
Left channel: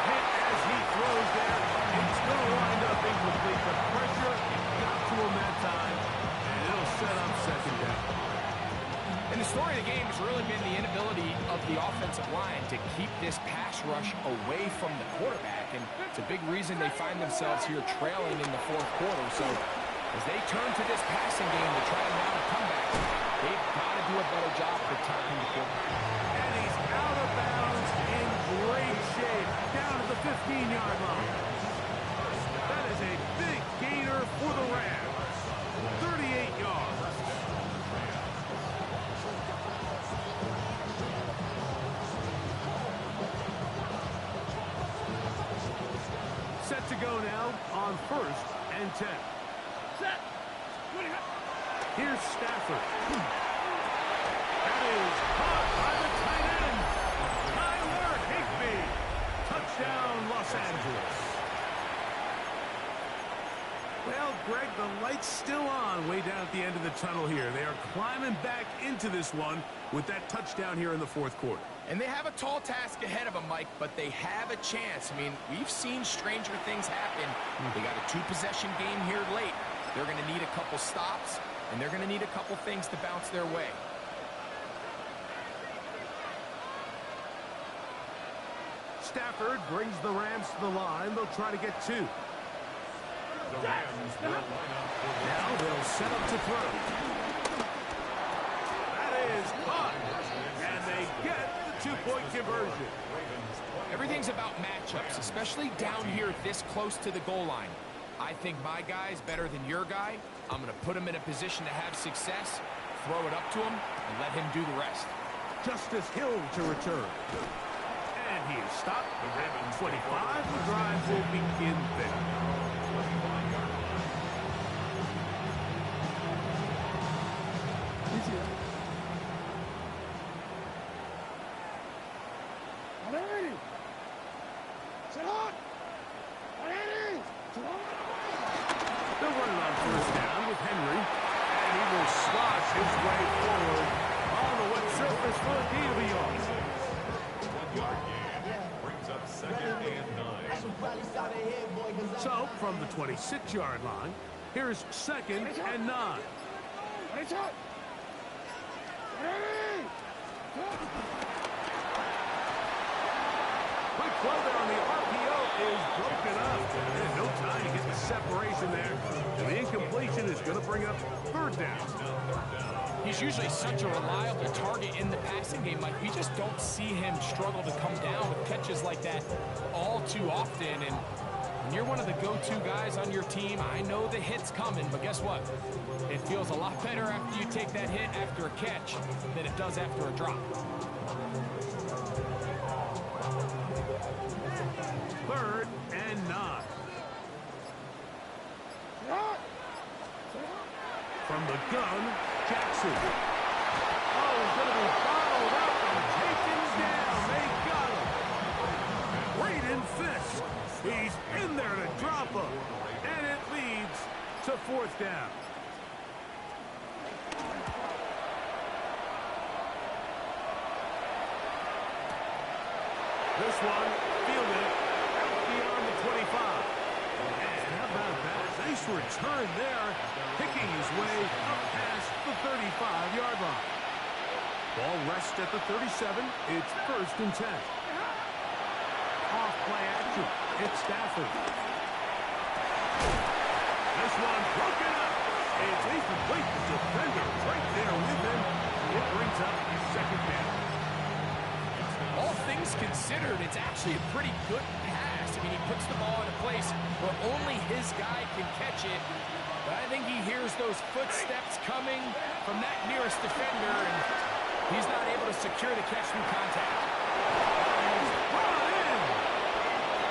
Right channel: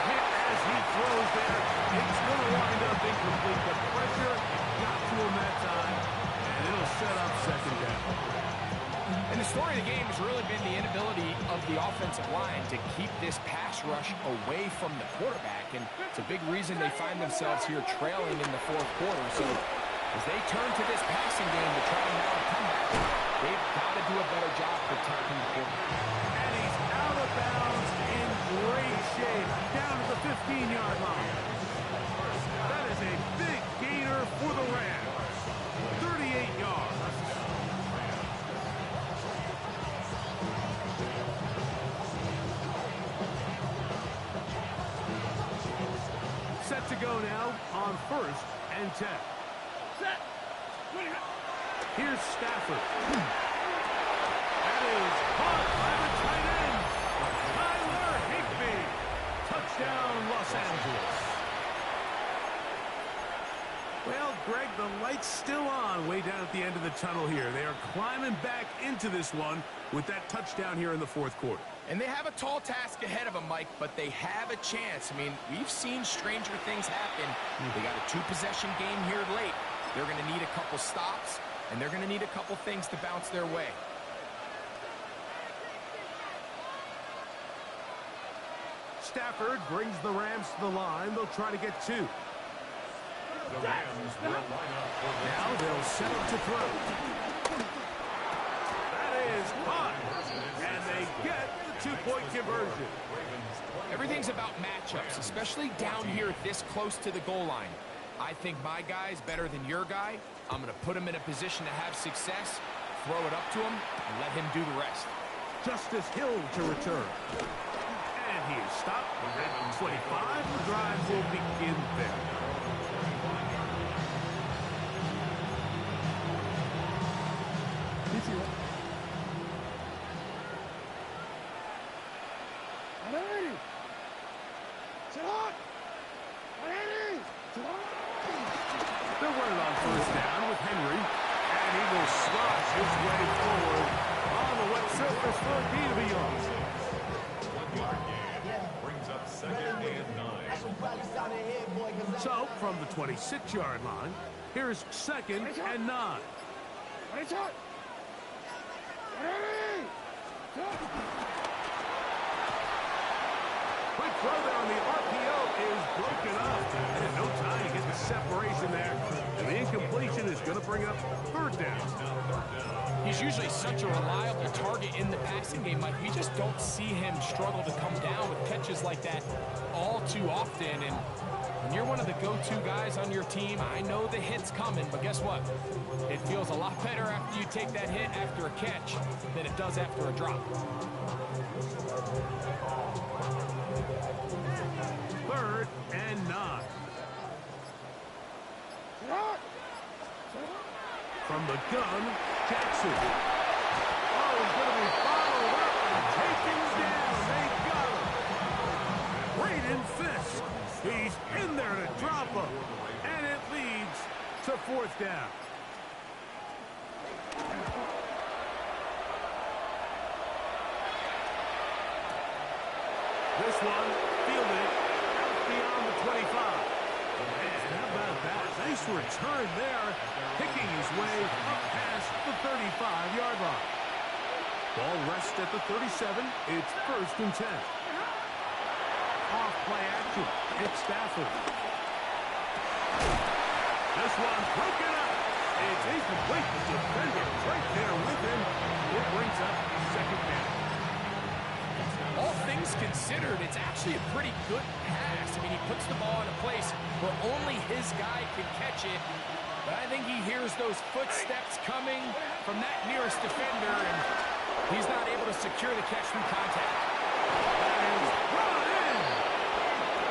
Hit as as he throws there. It's going to wind up incomplete. The pressure got to him that time, and it'll set up second down. And the story of the game has really been the inability of the offensive line to keep this pass rush away from the quarterback. And it's a big reason they find themselves here trailing in the fourth quarter. So as they turn to this passing game to try to mount a comeback, they've got to do a better job protecting the quarterback. And he's out of bounds in great shape, down at the 15-yard line. That is a big gainer for the Rams. 38 yards. Set to go now on 1st and 10. Set. Here's Stafford. That is caught by the tight end, Tyler Higbee. Touchdown, Los Angeles. Well, Greg, the light's still on way down at the end of the tunnel here. They are climbing back into this one with that touchdown here in the fourth quarter. And they have a tall task ahead of them, Mike, but they have a chance. I mean, we've seen stranger things happen. They got a two-possession game here late. They're going to need a couple stops, and they're going to need a couple things to bounce their way. Stafford brings the Rams to the line. They'll try to get two. The Rams will line up for Now they'll set up to throw. That is caught. And they get the two-point conversion. Everything's about matchups, especially down here this close to the goal line. I think my guy's better than your guy. I'm going to put him in a position to have success, throw it up to him, and let him do the rest. Justice Hill to return. And he is stopped at 25. The drive will begin there. You see that? Alrighty. Sit on. Alrighty. Sit on. They're running on 1st down with Henry. And he will slosh his way forward on the wet surface for a gain of a yard. 1 yard gain. Brings up 2nd and 9. So, from the 26-yard line, here's 2nd and 9. Ready, shot. Ready. Quick throw there on the RPO is broken up. And no time to get the separation there. And the incompletion is going to bring up 3rd down. He's usually such a reliable target in the passing game, Mike. We just don't see him struggle to come down with catches like that all too often. And when you're one of the go-to guys on your team, I know the hit's coming, but guess what? It feels a lot better after you take that hit after a catch than it does after a drop. 3rd and 9. Sit on. From the gun, Jackson. Oh, he's going to be followed up and taken down. They got him. Braden Fisk. He's in there to drop him. And it leads to 4th down. This one fielded out beyond the 25. And how about that? Nice return there, picking his way up past the 35-yard line. Ball rests at the 37. It's 1st and 10. Off play action. It's Stafford. This one's broken up. It's incomplete. The defender right there with him. It brings up 2nd down. All things considered, it's actually a pretty good pass. I mean, he puts the ball in a place where only his guy can catch it. But I think he hears those footsteps coming from that nearest defender, and he's not able to secure the catch through contact. And he's brought in.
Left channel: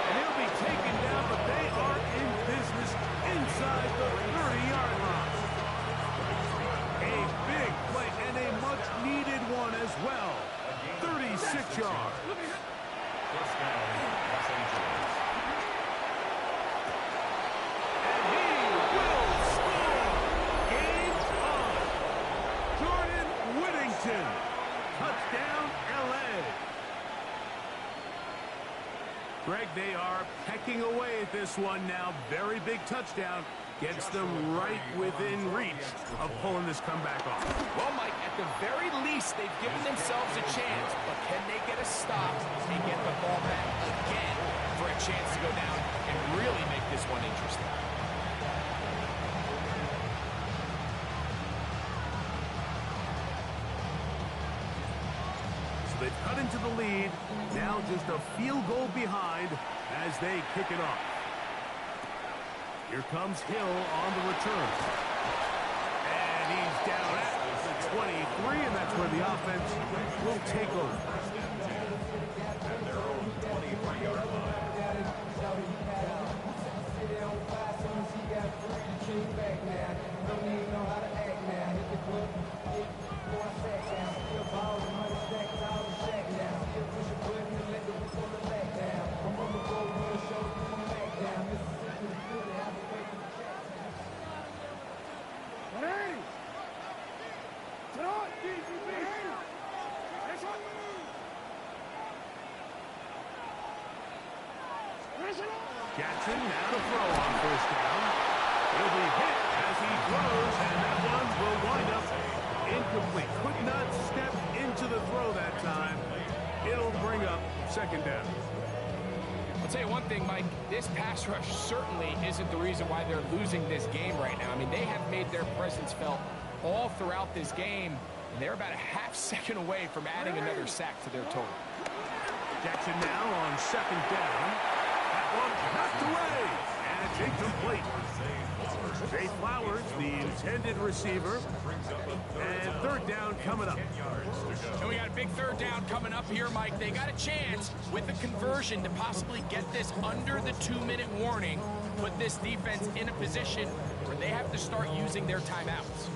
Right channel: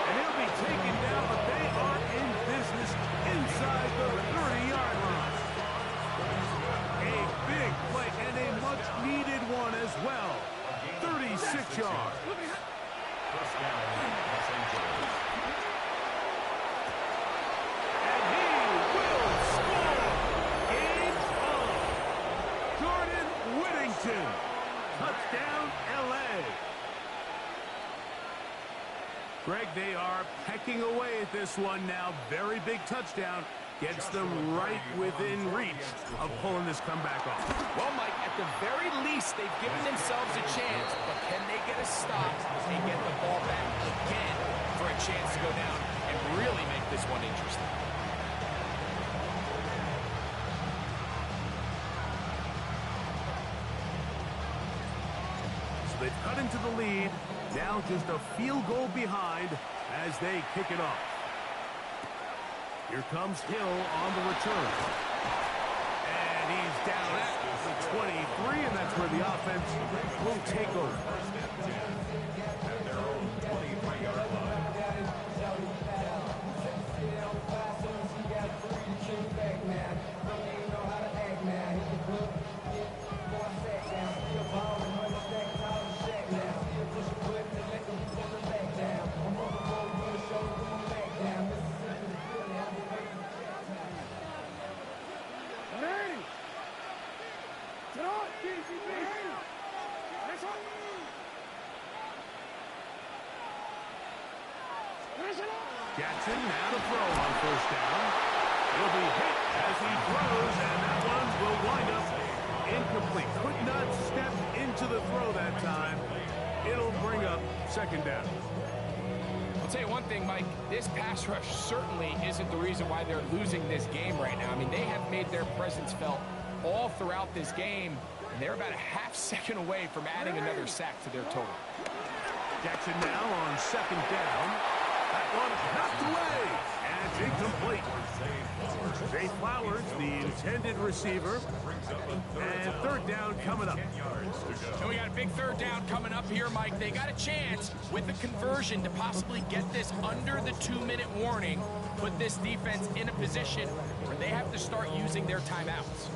And he'll be taken down, but they are in business inside the 30-yard line. A big play and a much-needed one as well. 36 yards. 1st down, Los Angeles. And he will score. Game's on. Jordan Whittington. Touchdown, L.A. Greg, they are pecking away at this one now. Very big touchdown. Gets them right within reach of pulling this comeback off. Well, Mike, at the very least, they've given themselves a chance, but can they get a stop and get the ball back again for a chance to go down and really make this one interesting? So they've cut into the lead. Now just a field goal behind as they kick it off. Here comes Hill on the return. And he's down at the 23, and that's where the offense will take over. At their own 23-yard line. Jackson now to throw on first down. He'll be hit as he throws, and that one will wind up incomplete. Could not step into the throw that time. It'll bring up second down. I'll tell you one thing, Mike. This pass rush certainly isn't the reason why they're losing this game right now. I mean, they have made their presence felt all throughout this game, and they're about a half second away from adding another sack to their total. Jackson now on second down. That one knocked away, and it's incomplete. Zay Flowers, the intended receiver, and third down coming up. And we got a big third down coming up here, Mike. They got a chance with the conversion to possibly get this under the 2-minute warning, put this defense in a position where they have to start using their timeouts.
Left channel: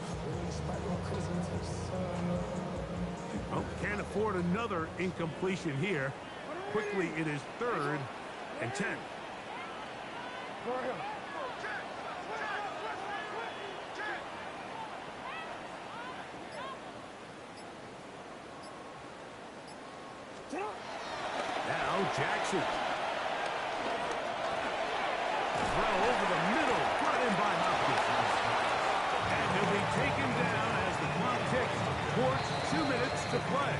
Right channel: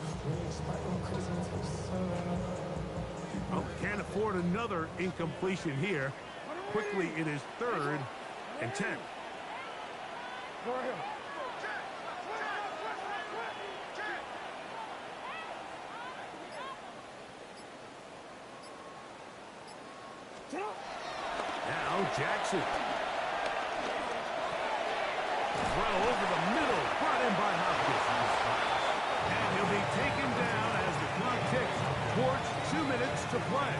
Well, can't afford another incompletion here. Quickly, it is third and 10. Now Jackson. Throw over the middle, brought in by Hopkins. And he'll be taken down as the clock ticks towards 2 minutes to play.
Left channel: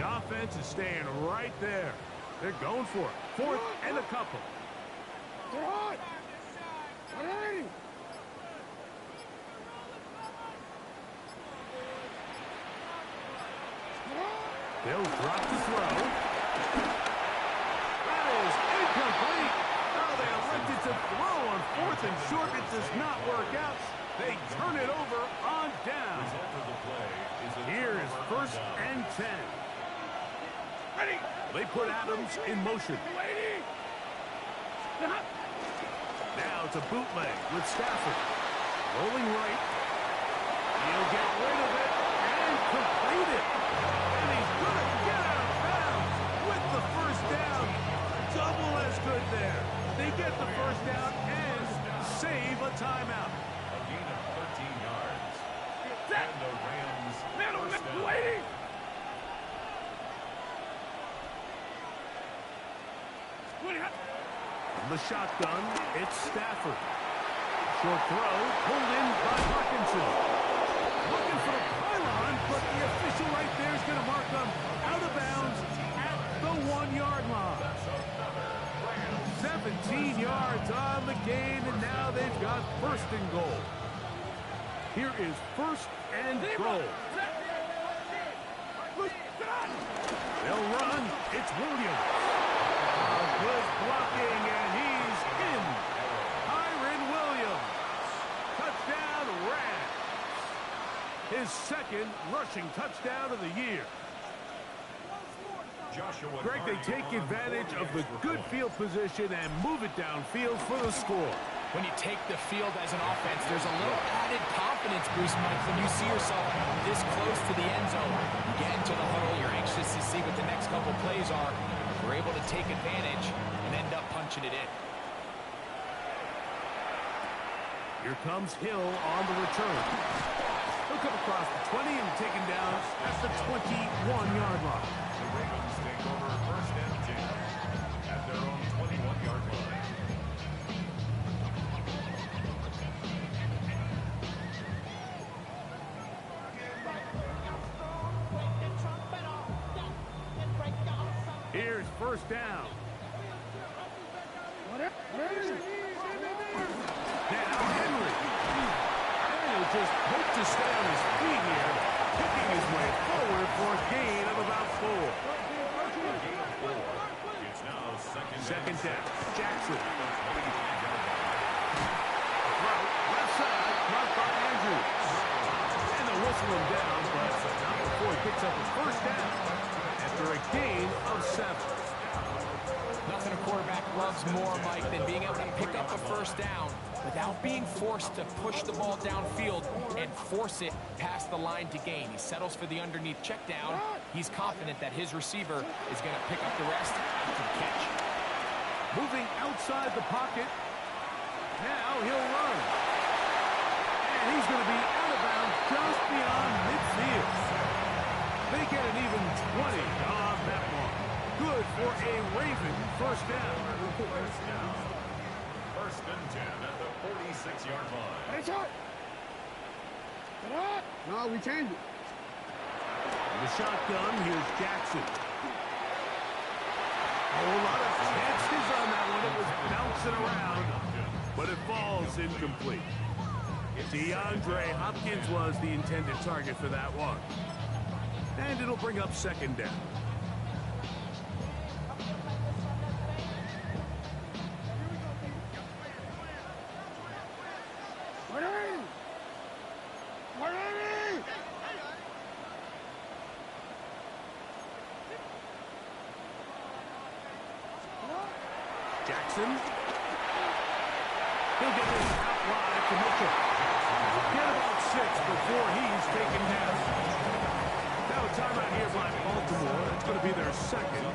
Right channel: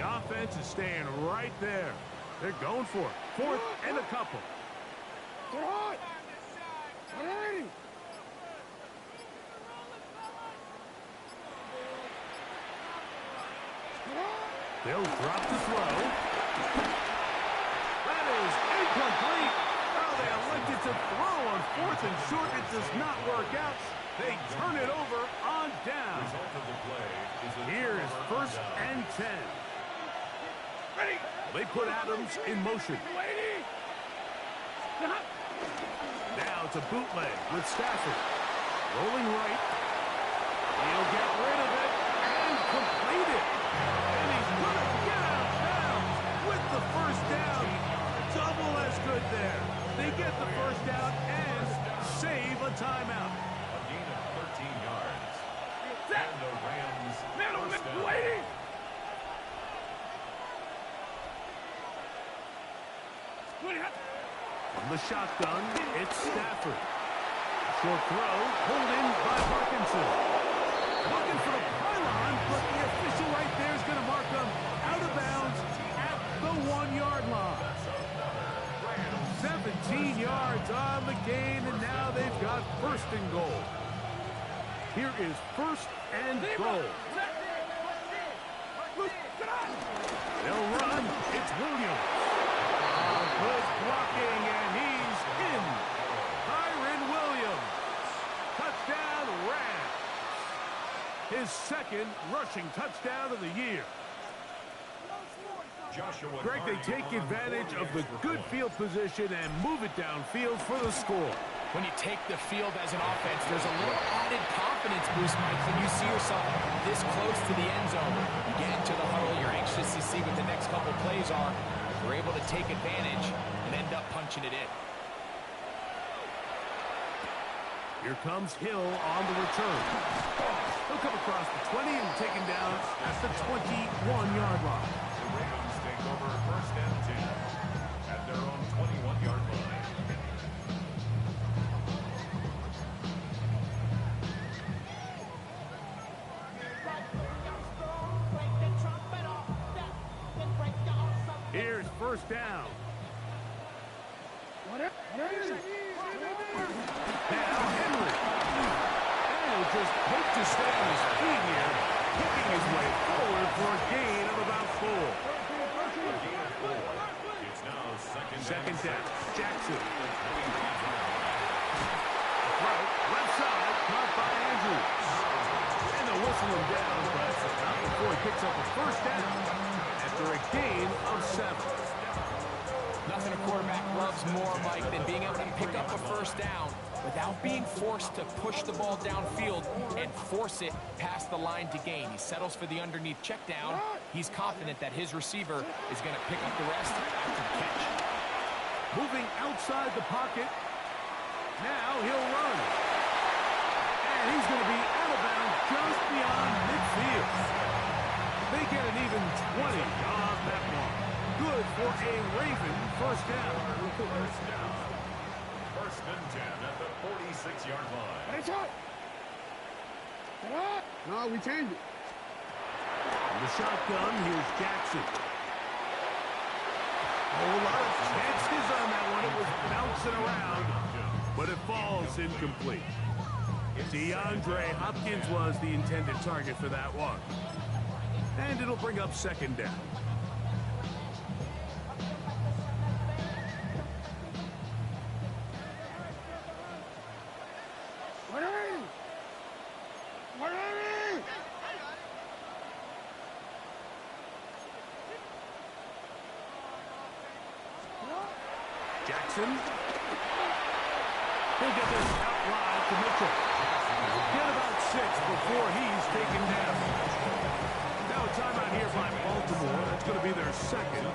Offense is staying right there. They're going for it. Fourth and a couple. They'll drop the throw. That is incomplete. Oh, they elected to throw on fourth and short. It does not work out. They turn it over on down. Here's first and 10. They put Adams in motion. Now it's a bootleg with Stafford. Rolling right. He'll get rid of it and complete it. And he's going to get out of bounds with the first down. Double as good there. They get the first down and save a timeout. A gain of 13 yards. And the Rams first down. From the shotgun, it's Stafford. Short throw, pulled in by Parkinson. Looking for the pylon, but the official right there is going to mark them out of bounds at the 1-yard line. 17 yards on the gain, and now they've got first and goal. Here is first and goal. They'll run. It's Williams. Good blocking, and he's in. Kyron Williams. Touchdown, Rams. His second rushing touchdown of the year. Greg, they take advantage of the good field position and move it downfield for the score. When you take the field as an offense, there's a little added confidence boost, Mike, when you see yourself this close to the end zone. You get into the huddle, you're anxious to see what the next couple plays are. You're able to take advantage and end up punching it in. Here comes Hill on the return. He'll come across the 20 and taken down at the 21-yard line. The Ravens take over first and 10 at their own 21-yard line. Here's first down. Now Henry. And he'll just hope to stay on his feet here, kicking his way forward for a gain of about 4. A gain of 4. It's now second down. Jackson. Throw, left side, caught by Andrews. And they'll whistle him down, but not before he picks up a first down after a gain of 7. Nothing a quarterback loves more, Mike, than being able to pick up a first down without being forced to push the ball downfield and force it past the line to gain. He settles for the underneath check down. He's confident that his receiver is going to pick up the rest after the catch. Moving outside the pocket. Now he'll run. And he's going to be out of bounds just beyond midfield. They get an even 20 on that one. Good for a Raven first down. First and 10 at the 46-yard line. Hey, shot. Get up. No, we changed it. In the shotgun, here's Jackson. A whole lot of chances on that one. It was bouncing around, but it falls incomplete. DeAndre Hopkins was the intended target for that one. And it'll bring up second down. Jackson. He'll get this out wide to Mitchell. Get about 6 before he's taken down. Now a timeout here by Baltimore. That's going to be their second.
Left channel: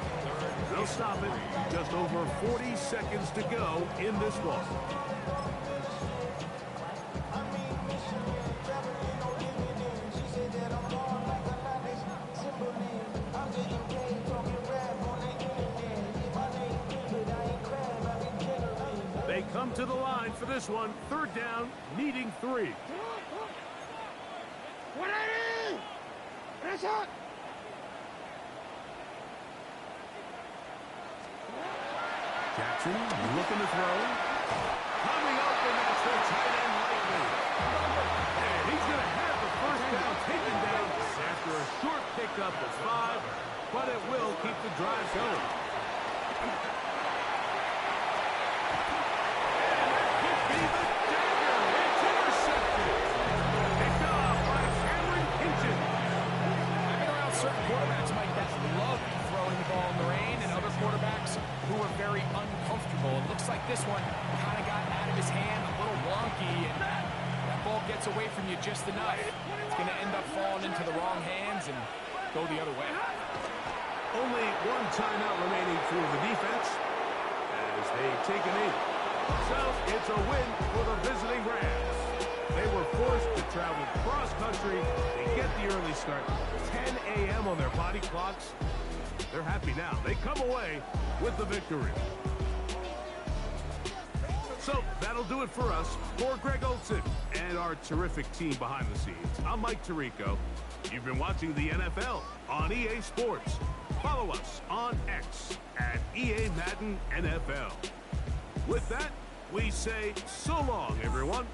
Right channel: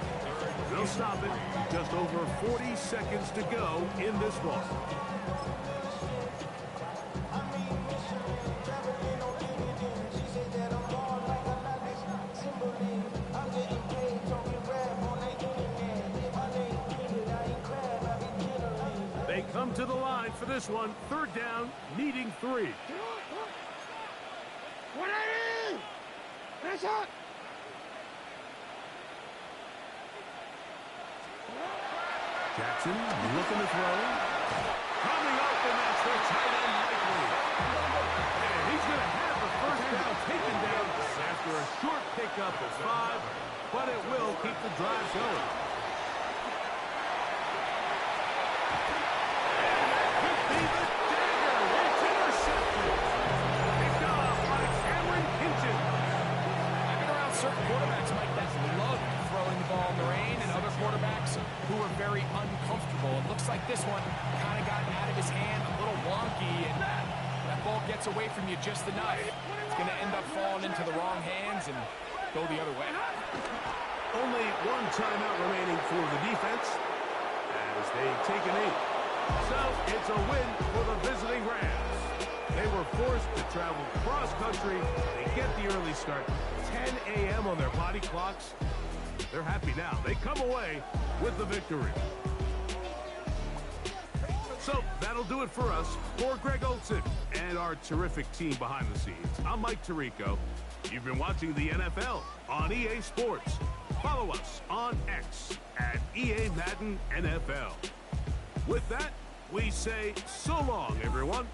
They'll stop it. Just over 40 seconds to go in this one. They come to the line for this one. Third down, needing 3. Jackson looking to throw. Coming open, that's the tight end likely. And he's going to have the first down taken down after a short pickup of 5, but it will keep the drive going. Be the dagger. It's intercepted. Picked off by Cameron Hinton. I've been around certain quarterbacks, Mike, that love throwing the ball in the rain, and other quarterbacks who are very uncomfortable. It looks like this one kind of got out of his hand, a little wonky, and that ball gets away from you just enough. It's going to end up falling into the wrong hands and go the other way. Only one timeout remaining for the defense as they take a knee. So, it's a win for the visiting Rams. They were forced to travel cross-country. They get the early start, 10 a.m. on their body clocks. They're happy now. They come away with the victory. So, that'll do it for us. For Greg Olson and our terrific team behind the scenes, I'm Mike Tirico. You've been watching the NFL on EA Sports. Follow us on X at EA Madden NFL. With that, we say so long, everyone.